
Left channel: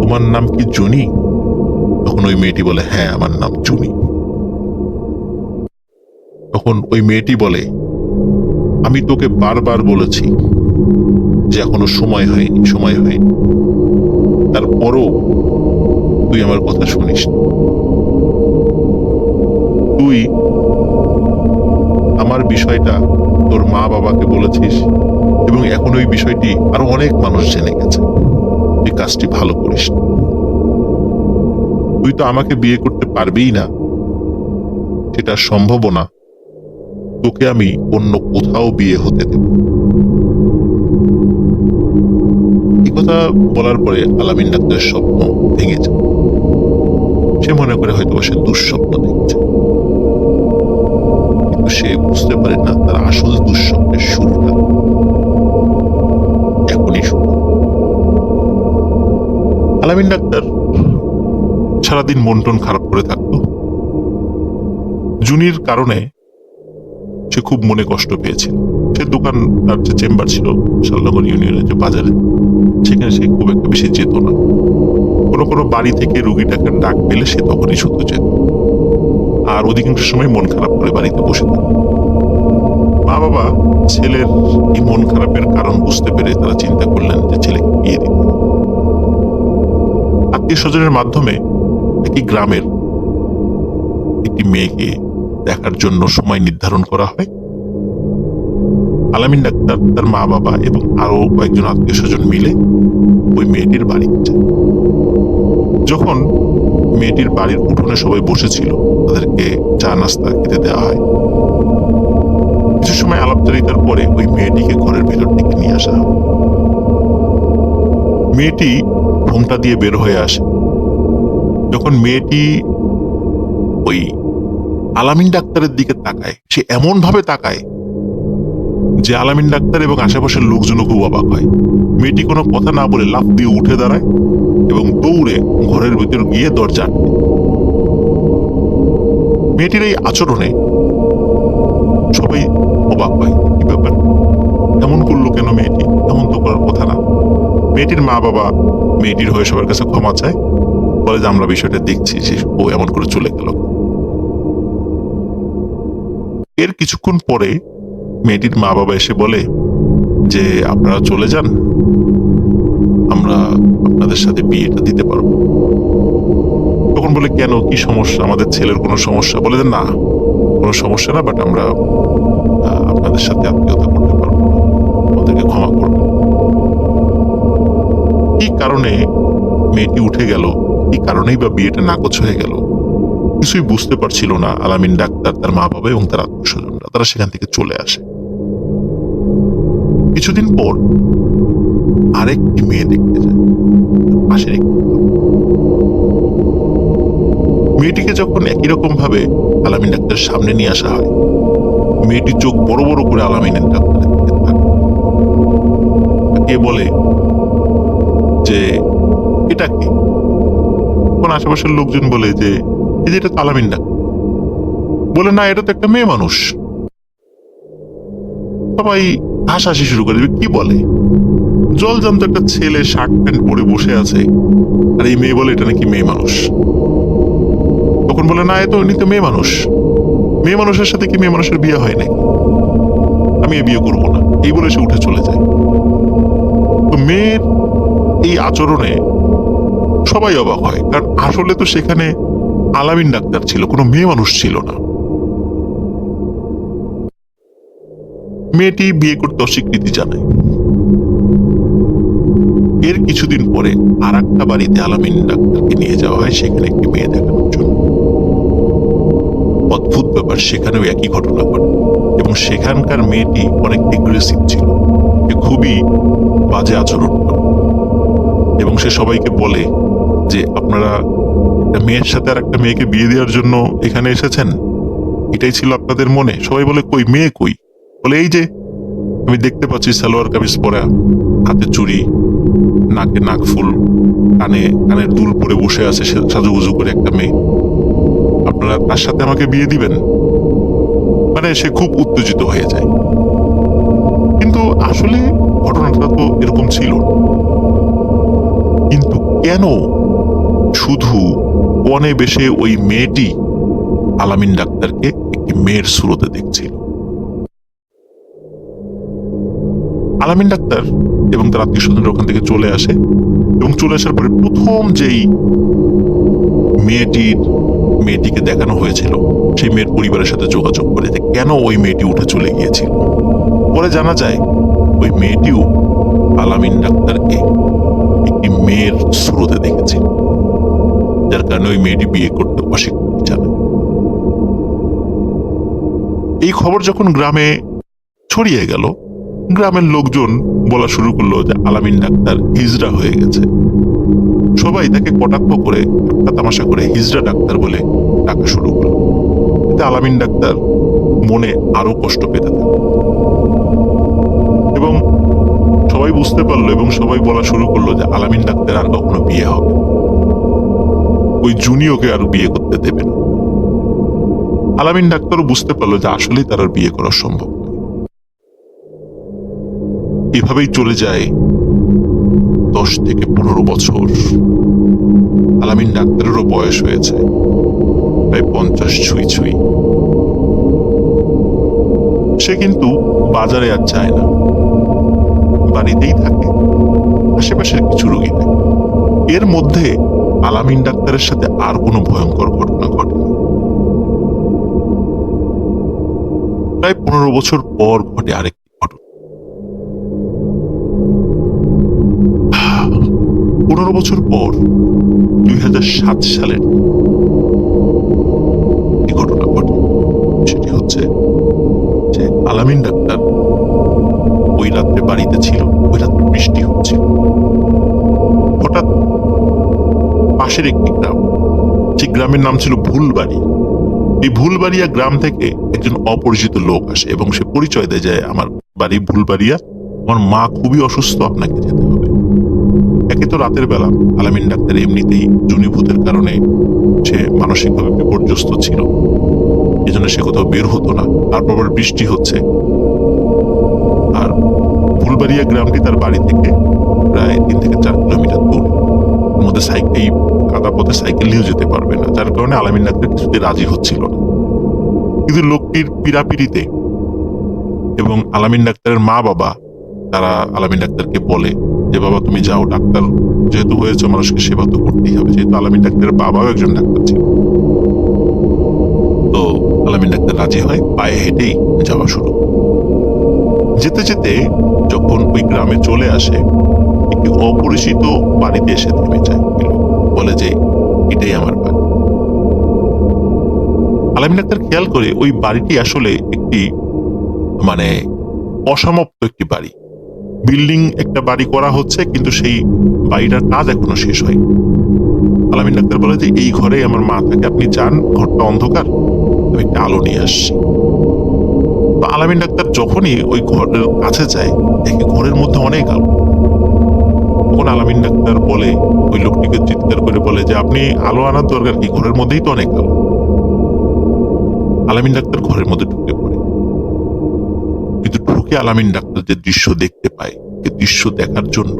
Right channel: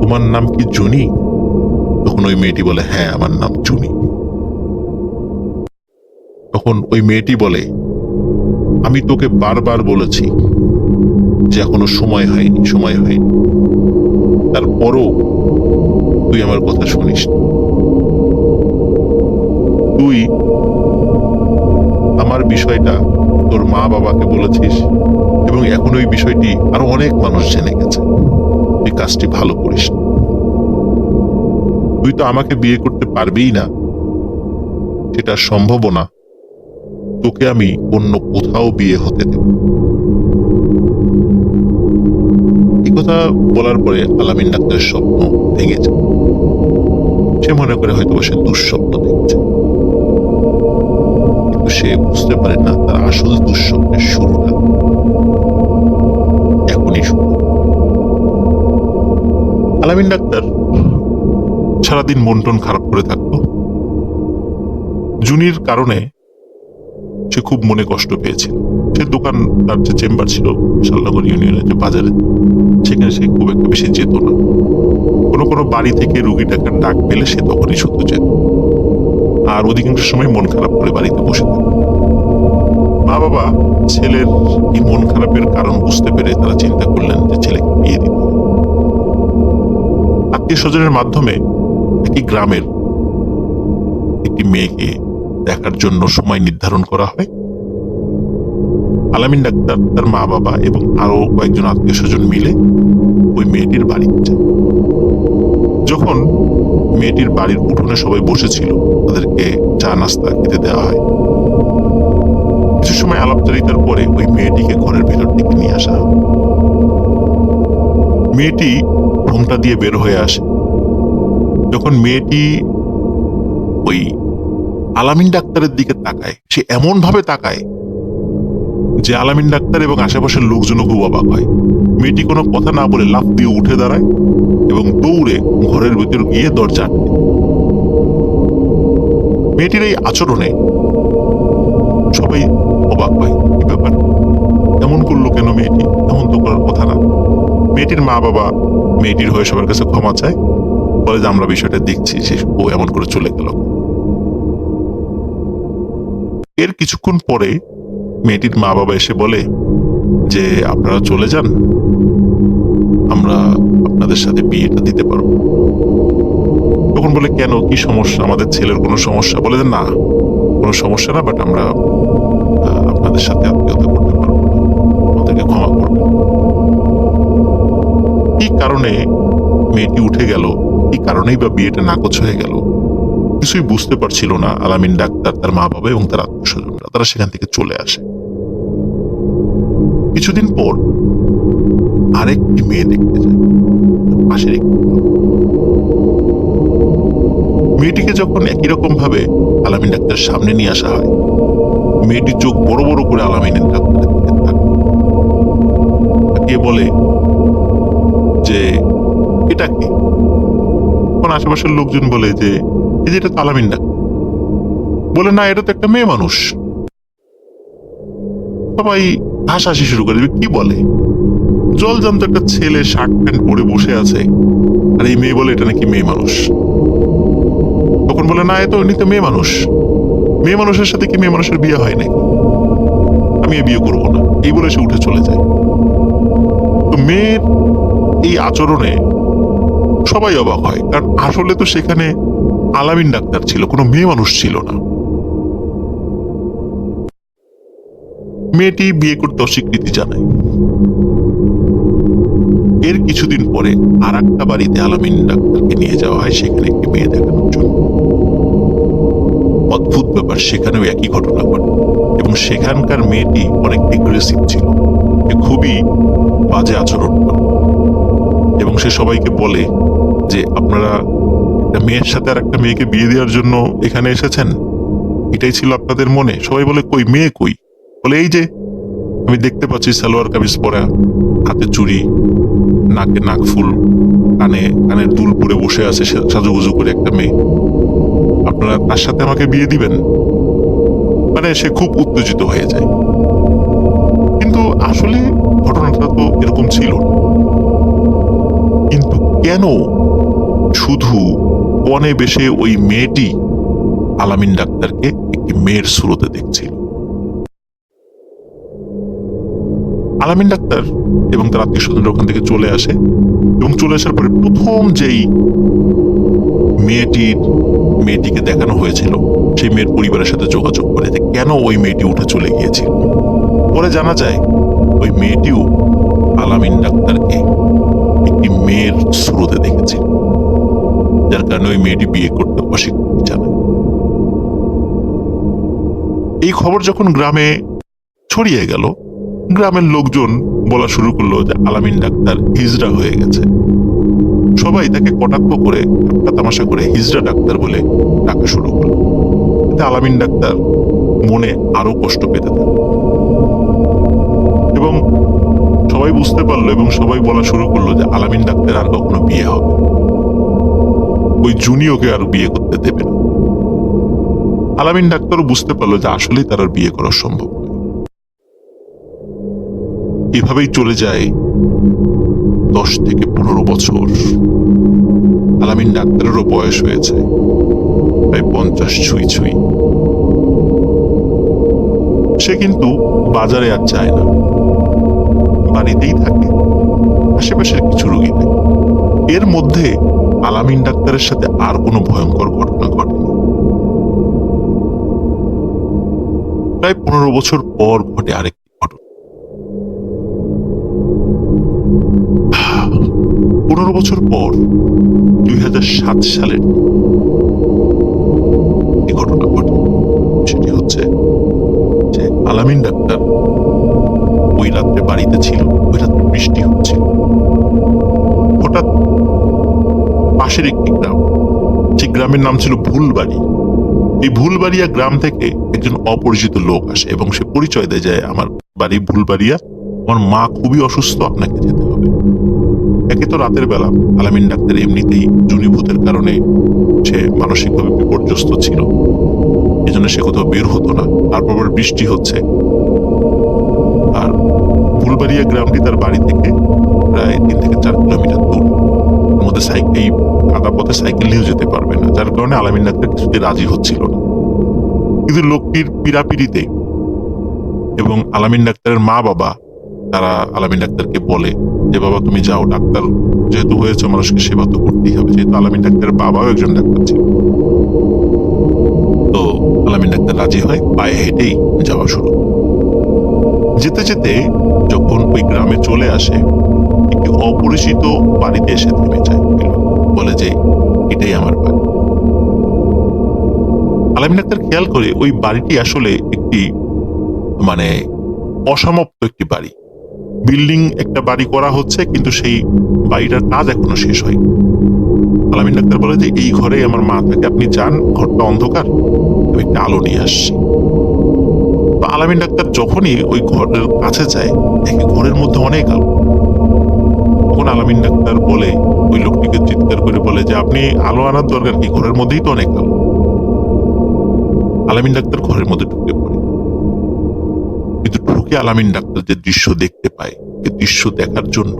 তোমার নাম কি জুনি? তখন ওই মেয়েটি বলে, হ্যাঁ, আমার নাম জুনি। তখন ওই মেয়েটি বলে, আমি তোকে বারবার বলেছি যে এখনো সময় হয়নি, তারপরও তুই আমার কথা শুনিস। তুই আমার বিষয়টা তোর মা বাবাকে বলেছিস এবং এখন ওই বিষয়টি আরো অনেক মানুষ জেনে গেছে। তুই কাজটি ভালো করিস। তুই তো আমাকে বিয়ে করতে পারবেই না, সেটা সম্ভব না। তোকে আমি অন্য কোথাও বিয়ে হতে দেব। এই কথা বলার পরে আলামিন ডাক্তারের স্বপ্ন ভেঙে যায়। সে মনে করে হয়তো সে দুঃস্বপ্ন দেখছে, কিন্তু সে বুঝতে পারে না তার আসল দুঃস্বপ্নের শুরুটা এখনই শুরু। আলামিন ডাক্তার সারাদিন মন টন খারাপ করে থাকতো। জুনির কারণে সে খুব মনে কষ্ট পেয়েছিল। সে দোকান, তার যে চেম্বার ছিল শালনগর ইউনিয়নের যে বাজারে, সেখানে সে খুব একটা বেশি যেত না। কোনো বাড়ি থেকে রুগী ডাকার ডাক পেলে সে তখনই শুধু যেত, আর অধিকাংশ সময় মন খারাপ করে বাড়িতে বসে থাকত। মা বাবা ছেলের এই মন খারাপের কারণ বুঝতে পেরে তারা চিন্তা করলেন যে ছেলেকে বিয়ে দিতে। আত্মীয় স্বজনের মাধ্যমে একই গ্রামের একটি মেয়েকে দেখার জন্য সময় নির্ধারণ করা হয়। আলামিন ডাক্তার, তার মা বাবা এবং আরো কয়েকজন আত্মীয় স্বজন মিলে ওই মেয়েটির বাড়িতে যায়। যখন মেয়েটির বাড়ির উঠোনে সবাই বসেছিল, তাদেরকে চা নাস্তা খেতে দেওয়া হয়। কিছু সময় আলাপচারিতার পরে ওই মেয়েটিকে ঘরের ভেতর থেকে নিয়ে আসা হয়। মেয়েটি ঘোমটা দিয়ে বের হয়ে আসে। যখন মেয়েটি ওই আলামিন ডাক্তারের দিকে তাকায়, সে এমন ভাবে তাকায় যে আলামিন ডাক্তার এবং আশেপাশের লোকজনও খুব অবাক হয়। মেয়েটি কোনো কথা না বলে লাফ দিয়ে উঠে দাঁড়ায় এবং দৌড়ে ঘরের ভিতর গিয়ে দরজা আটকে। মেয়েটির এই আচরণে সবাই অবাক হয়, কি ব্যাপার, এমন করলো কেন মেয়েটি? এমন তো করার কথা না। মেয়েটির মা বাবা মেয়েটির হয়ে সবার কাছে ক্ষমা চায়, বলে যে আমরা বিষয়টা দেখছি, যে ও এমন করে চলে গেল। এর কিছুক্ষণ পরে মেয়েটির মা বাবা এসে বলে যে আপনারা চলে যান, আমরা আপনাদের সাথে বিয়েটা দিতে পারবো। তখন বলে, কেন, কি সমস্যা? আমাদের ছেলের কোনো সমস্যা? বলে যে না, কোনো সমস্যা না, বাট আমরা আপনাদের সাথে আত্মীয়তা করতে পারবো না, আমাদেরকে ক্ষমা করবেন। কি কারণে মেয়েটি উঠে গেল, কি কারণেই বা বিয়েটা নাকচ হয়ে গেল, কিছুই বুঝতে পারছিল না আলামিন ডাক্তার, তার মা বাবা এবং তার আত্মীয় স্বজনরা। তারা সেখান থেকে চলে আসে। কিছুদিন পর আরেকটি মেয়ে দেখতে যায় পাশের একটি গ্রামে। মেয়েটিকে যখন একই রকম ভাবে আলামিন ডাক্তারের সামনে নিয়ে আসা হয়, মেয়েটি চোখ বড় বড় করে আলামিনের ডাক্তারের দিকে তাকিয়ে বলে যে এটা কি? তখন আশেপাশের লোকজন বলে যে এই যে এটা তো আলামিন ডাক্তার। বলে না, এটা তো একটা মেয়ে মানুষ। সবাই হাসাহাসি শুরু করে, কি বলে, জলজান্ত একটা ছেলে শার্ট প্যান্ট পরে বসে আছে, আর এই মেয়ে বলে এটা নাকি মেয়ে মানুষ। তখন বলে না, এ তো উনি তো মেয়ে মানুষ, মেয়ে মানুষের সাথে কি মেয়ে মানুষের বিয়ে হয় নাকি, আমি এ বিয়ে করবো না, এই বলে সে উঠে চলে যায়। তো মেয়ের এই আচরণে সবাই অবাক হয়, কারণ আসলে তো সেখানে আলামিন ডাক্তার ছিল, কোনো মেয়ে মানুষ ছিল না। মেয়েটি বিয়ে করতে অস্বীকৃতি জানায়। এর কিছুদিন পরে আর একটা বাড়িতে আলামিন ডাক্তারকে নিয়ে যাওয়া হয়, সেখানে একটি মেয়ে দেখানোর জন্য। অদ্ভুত ব্যাপার, সেখানেও একই ঘটনা ঘটে এবং সেখানকার মেয়েটি অনেক এগ্রেসিভ ছিল, সে খুবই বাজে আচরণ করে এবং সে সবাইকে বলে যে আপনারা একটা মেয়ের সাথে আর একটা মেয়েকে বিয়ে দেওয়ার জন্য এখানে এসেছেন, এটাই ছিল আপনাদের মনে? সবাই বলে কই মেয়ে কই? বলে এই যে আমি দেখতে পাচ্ছি সালোয়ার কামিজ পরা, হাতে চুড়ি, নাকে নাকফুল, কানের দুল পরে বসে আছে সাজুগুজু করে একটা মেয়ে, আপনারা তার সাথে আমাকে বিয়ে দিবেন? মানে সে খুব উত্তেজিত হয়ে যায়। কিন্তু আসলে ঘটনাটা তো এরকম ছিল না। কিন্তু কেন শুধু কনে বেশে ওই মেয়েটি আলামিন ডাক্তারকে একটি মেয়ের সুরতে দেখছিল? আলামিন ডাক্তার এবং তার আত্মীয় স্বজনরা ওখান থেকে চলে আসে এবং চলে আসার পরে প্রথম যেই মেয়েটিকে দেখানো হয়েছিল, সেই মেয়ের পরিবারের সাথে যোগাযোগ করে যে কেন ওই মেয়েটি উঠে চলে গিয়েছিল। পরে জানা যায় ওই মেয়েটিও আলামিন ডাক্তারকে একটি মেয়ের সুরতে দেখেছিল, যার কারণে ওই মেয়েটি বিয়ে করতে অস্বীকৃতি জানায়। এই খবর যখন গ্রামে ছড়িয়ে গেল, গ্রামের লোকজন বলা শুরু করলো যে আলামিন ডাক্তার হিজড়া হয়ে গেছে। সবাই তাকে কটাক্ষ করে, ঠাট্টা তামাশা করে হিজড়া ডাক্তার বলে ডাকা শুরু করলো। এতে আলামিন ডাক্তার মনে আরো কষ্ট পেতে থাকে এবং সবাই বুঝতে পারলো এবং সবাই বলা শুরু করলো যে আলামিন ডাক্তার আর কখনো বিয়ে হবে, ওই জুনিয়কে আর বিয়ে করতে দেবে না। আলামিন ডাক্তারও বুঝতে পারলো যে আসলেই তার আর বিয়ে করা সম্ভব নয়। এভাবেই চলে যায় 10 থেকে 15 বছর। আলামিন ডাক্তারেরও বয়স হয়েছে প্রায় 50 ছুঁই ছুঁই। সে কিন্তু বাজারে আর যায় না, বাড়িতেই থাকে, আশেপাশের কিছু রোগী থাকে। এর মধ্যে আলামিন ডাক্তারের সাথে আর কোনো ভয়ঙ্কর ঘটনা ঘটেনি। প্রায় 15 বছর পর ঘটে আরেকটি ঘটনা। 15 বছর পর 2007 সালের এই ঘটনা ঘটে। সেটি হচ্ছে যে আলামিন ডাক্তার ওই রাত্রে বাড়িতে ছিল, ওই রাত্রে বৃষ্টি হচ্ছিল। হঠাৎ পাশের একটি গ্রাম, সেই গ্রামের নাম ছিল ভুলবাড়ি। এই ভুলবাড়িয়া গ্রাম থেকে একজন অপরিচিত লোক আসে এবং সে পরিচয় দেয় যে আমার বাড়ি ভুলবাড়িয়া, আমার মা খুবই অসুস্থ, আপনাকে যেতে হবে। একে তো রাতের বেলা, আলামিন ডাক্তার এমনিতেই জুনিভূতের কারণে সে মানসিকভাবে বিপর্যস্ত ছিল, এজন্য সে কোথাও বের হতো না। তারপর বৃষ্টি হচ্ছে, আর ভুলবাড়িয়া গ্রামটি তার বাড়ি থেকে প্রায় 3 থেকে 4 কিলোমিটার দূর। মধ্যে এই কাদা পথে সাইকেল নিয়েও যেতে পারবে না, যার কারণে আলামিন ডাক্তার কিছুতে রাজি হচ্ছিল না। কিন্তু লোকটির পীড়াপিড়িতে এবং আলামিন ডাক্তারের মা বাবা, তারা আলামিন ডাক্তারকে বলে যে বাবা তুমি যাও, ডাক্তার যেহেতু হয়েছে মানুষকে সেবা তো করতেই হবে। যেহেতু আলামিন ডাক্তারের বাবাও একজন ডাক্তার ছিল, তো আলামিন ডাক্তার রাজি হয়, পায়ে হেঁটেই যাওয়া শুরু। যেতে যেতে যখন ওই গ্রামে চলে আসে, একটি অপরিচিত বাড়িতে এসে থেমে যায়। বলে যে এটাই আমার বাড়ি। আলামিন আক্তার খেয়াল করে ওই বাড়িটি আসলে একটি মানে অসমাপ্ত একটি বাড়ি। বিল্ডিং একটা বাড়ি করা হচ্ছে, কিন্তু সেই বাড়িটার কাজ এখনো শেষ হয়নি। আলামিন ডাক্তার বলে যে এই ঘরে আমার মা থাকে, আপনি যান, ঘরটা অন্ধকার, আমি একটা আলো নিয়ে আসছি। তো আলামিন ডাক্তার যখনই ওই ঘরের কাছে যায়, দেখে ঘরের মধ্যে অনেক আলো। তখন আলামিন ডাক্তার বলে, ওই লোকটিকে চিৎকার করে বলে যে আপনি আলো আনার দরকার কি, ঘরের মধ্যেই তো অনেক আলো। আলামিন ডাক্তার ঘরের মধ্যে ঢুকে পড়ে, কিন্তু ঢুকে আলামিন ডাক্তার যে দৃশ্য দেখতে পায়, এই দৃশ্য দেখার জন্য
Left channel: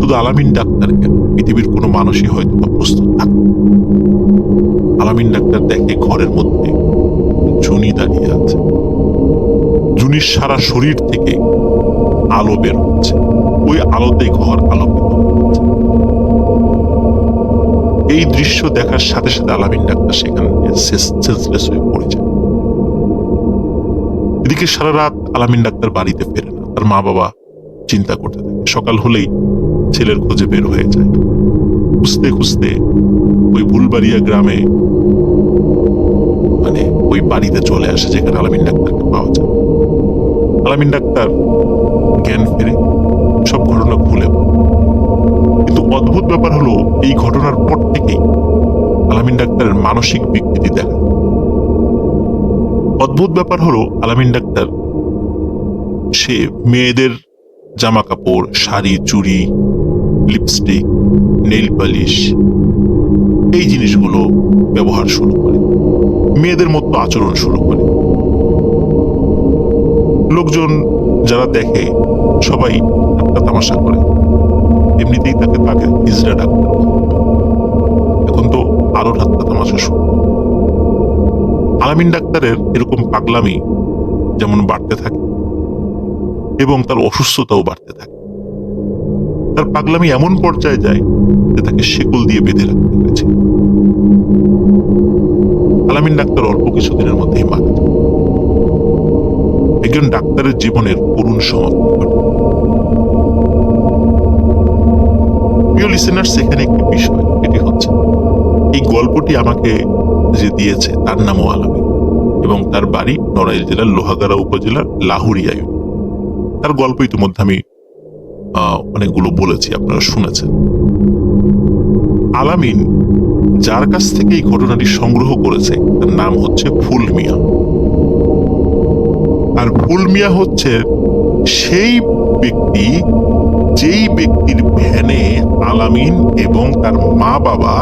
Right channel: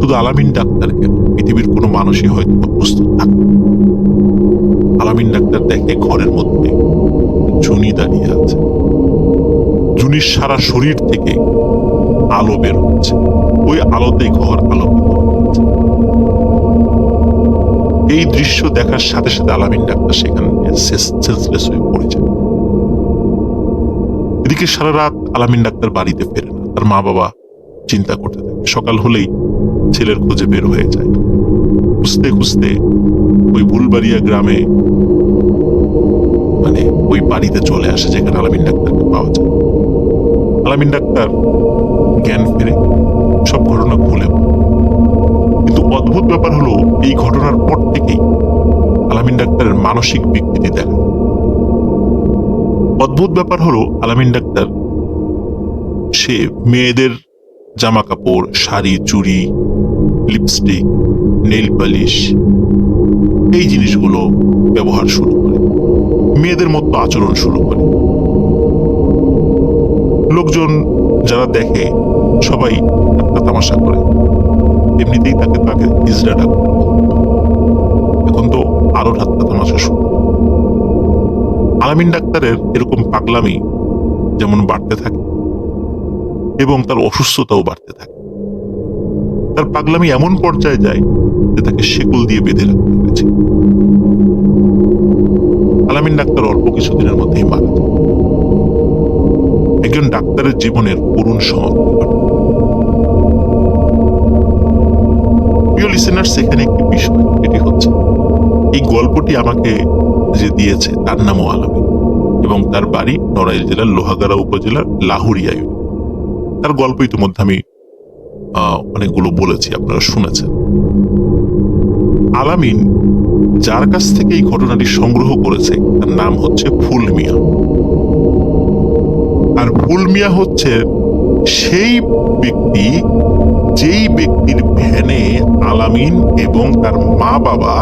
শুধু আলামিন ডাক্তার কেন, পৃথিবীর কোনো মানুষই হয়তো প্রস্তুত থাকে। আলামিন ডাক্তার দেখে ঘরের মধ্যে জুনি দাঁড়িয়ে আছে। জুনির সারা শরীর থেকে আলো বের হচ্ছে, ওই আলোতেই ঘর আলোকিত হচ্ছে। এই দৃশ্য দেখার সাথে সাথে আলামিন ডাক্তার সেখানে সেন্সলেস হয়ে পড়ে যায়। এদিকে সারা রাত আলামিন ডাক্তার বাড়িতে ফেরে না, তার মা বাবা চিন্তা করতে থাকে। সকাল হলেই ছেলের খোঁজে বের হয়ে যায়। খুঁজতে খুঁজতে ওই ভুলবাড়িয়া গ্রামে ওই বাড়িতে চলে আসে যেখানে আলামিন ডাক্তারকে পাওয়া যায়। আলামিন ডাক্তার জ্ঞান ফেরে, সব ঘটনা খুলে বলে। কিন্তু অদ্ভুত ব্যাপার হলো, এই ঘটনার পর থেকেই আলামিন ডাক্তারের মানসিক বিকৃতি দেখা যায়। অদ্ভুত ব্যাপার হলো, আলামিন ডাক্তার সে মেয়েদের জামা কাপড়, শাড়ি, চুড়ি, লিপস্টিক, নেইল পালিশ, এই জিনিসগুলো ব্যবহার শুরু করে, মেয়েদের মতো আচরণ শুরু করে। লোকজন যারা দেখে সবাই ঠাট্টা তামাশা করে। এমনিতেই তাকে হিজড়া ডাক্তার বলতো, এখন তো আরো ঠাট্টা তামাশা শুরু। আলামিন ডাক্তারের এরকম পাগলামি যেমন বাড়তে থাকে এবং তার অসুস্থতাও বাড়তে থাকে। তার পাগলামি এমন পর্যায়ে যায় যে তাকে শেকল দিয়ে বেঁধে রাখতে হয়েছে। আলামিন ডাক্তার অল্প কিছুদিনের মধ্যেই মারা যায়। একজন ডাক্তারের জীবনের করুণ সমাপ্তি ঘটে। প্রিয় লিসেনার্স, এখানে একটি বিষয়, এটি হচ্ছে এই গল্পটি আমাকে যে দিয়েছে তার নামও আলামিন এবং তার বাড়ি নড়াইল জেলার লোহাগাড়া উপজেলার লাহুরিয়া ইউনিয়ন। তার গল্প ইতিমধ্যে আমি অনেকগুলো বলেছি, আপনারা শুনেছেন। আলামিন যার কাছ থেকে এই ঘটনাটি সংগ্রহ করেছে তার নাম হচ্ছে ফুল মিয়া। আর ফুল মিয়া হচ্ছে সেই ব্যক্তি যেই ব্যক্তির ভ্যানে আলামিন এবং তার মা বাবা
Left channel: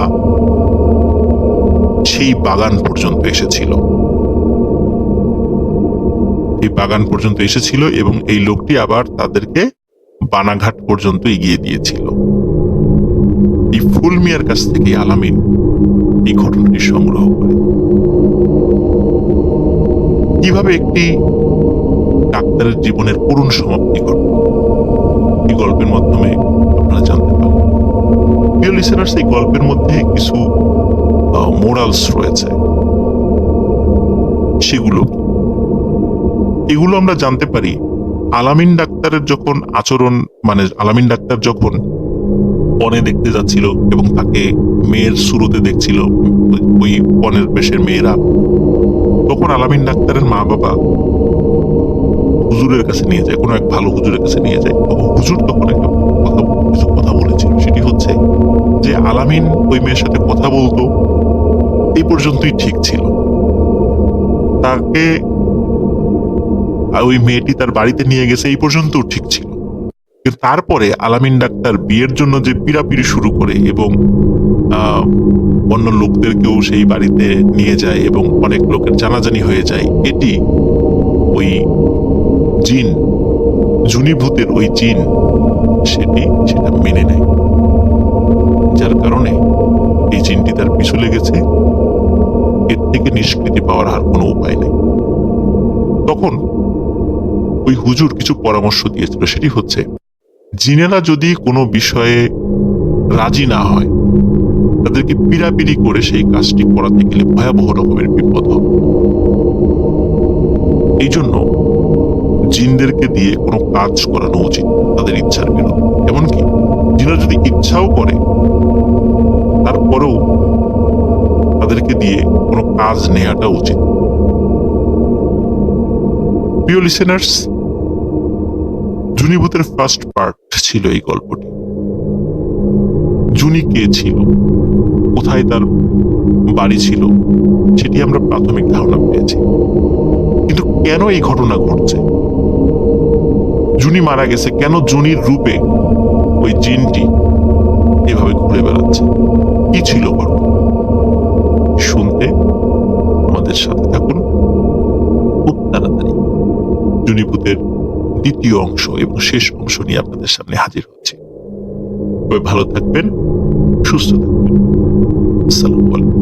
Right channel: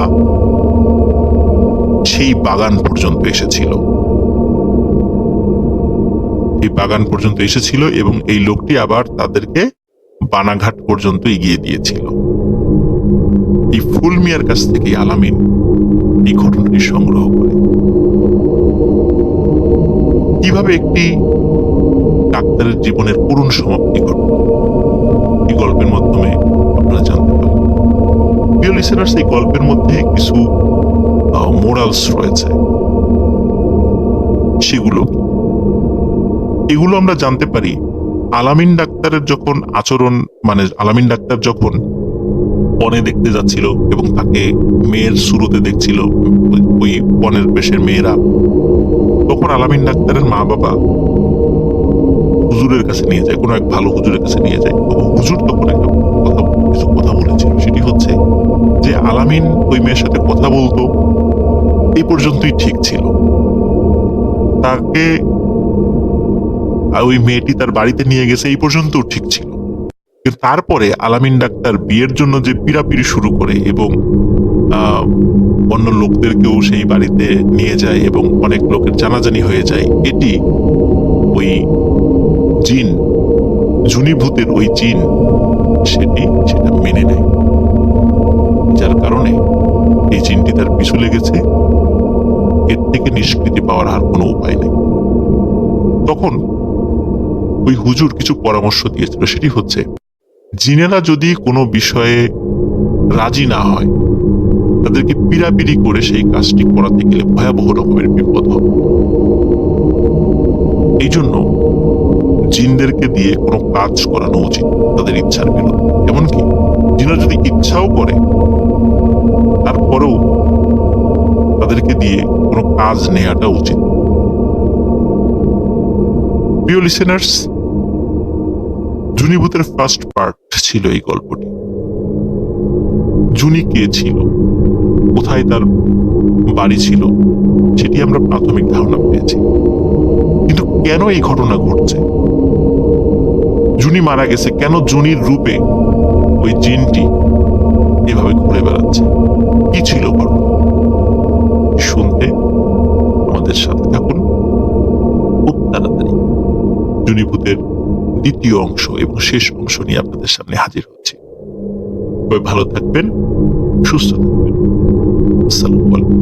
সেই বাগান পর্যন্ত এসেছিল। এই বাগান পর্যন্ত এসেছিল এবং এই লোকটি আবার তাদেরকে বানাঘাট পর্যন্ত এগিয়ে দিয়েছিল। এই ফুল মিয়ার কাছ থেকে আলামিন এই ঘটনাটি সংগ্রহ করে। কিভাবে একটি ডাক্তারের জীবনের করুণ সমাপ্তি ঘটল, এই গল্পের মাধ্যমে আপনারা জানতে পারবেন। প্রিয় লিসেনার্স, এই গল্পের মধ্যে কিছু মোরালস রয়েছে। সেগুলো এগুলো আমরা জানতে পারি আলামিন ডাক্তারের যখন আচরণ, আলামিন ডাক্তার যখন বনে দেখতে যাচ্ছিল এবং তাকে মেয়ের শুরুতে দেখছিল ওই বনের বেশের মেয়েরা, তখন আলামিন ডাক্তারের মা বাবা হুজুরের কাছে নিয়ে যায়, কোনো এক ভালো হুজুরের কাছে নিয়ে যায়। তখন হুজুর তখন একটা কিছু কথা বলেছিল, সেটি হচ্ছে যে আলামিন ওই মেয়ের সাথে কথা বলতো, এই পর্যন্তই ঠিক ছিল। তাকে ওই মেয়েটি তার বাড়িতে নিয়ে গেছে, এই পর্যন্ত ঠিক ছিল। কিন্তু তারপরে আলামিন ডাক্তার বিয়ের জন্য যে পিড়াপিড়ি শুরু করে এবং অন্য লোকদেরকেও সেই বাড়িতে নিয়ে যায় এবং অনেক লোকের জানাজানি হয়ে যায়, এটি ওই জিন, জুনিভূতের ওই জিন সেটা মেনে নেয়, যার কারণে এই জিনটি তার পিছু লেগেছে। এর থেকে নিষ্কৃতি পাওয়ার আর কোনো উপায় নেই। তখন ওই হুজুর কিছু পরামর্শ দিয়েছিল, সেটি হচ্ছে জিনেরা যদি কোনো বিষয়ে রাজি না হয়, তাদেরকে পিড়াপিড়ি করে সেই কাজটি করাতে গেলে ভয়াবহ রকমের বিপদ হবে। এই জন্য জিনদেরকে দিয়ে কোনো কাজ করানো উচিত তাদের ইচ্ছার বিরুদ্ধে। এমনকি জিনরা যদি ইচ্ছাও করে তারপরেও তাদেরকে দিয়ে কোনো কাজ নেওয়াটা উচিত। প্রিয় লিসেনার্স, জুনিভূতের ফার্স্ট পার্ট ছিল এই গল্পটি। জুনি কে ছিল, কোথায় তার বাড়ি ছিল, সেটি আমরা প্রাথমিক ধারণা পেয়েছি। কিন্তু কেন এই ঘটনা ঘটছে, জুনি মারা গেছে কেন, জুনির রূপে ওই জিনটি এভাবে ঘুরে বেড়াচ্ছে, কি ছিল ঘটনা? শুনতে আমাদের সাথে থাকুন। খুব তাড়াতাড়ি জুনিভূতের দ্বিতীয় অংশ এবং শেষ অংশ নিয়ে আপনাদের সামনে হাজির হচ্ছে। ভালো থাকবেন, সুস্থ থাকবেন। আসসালামু আলাইকুম।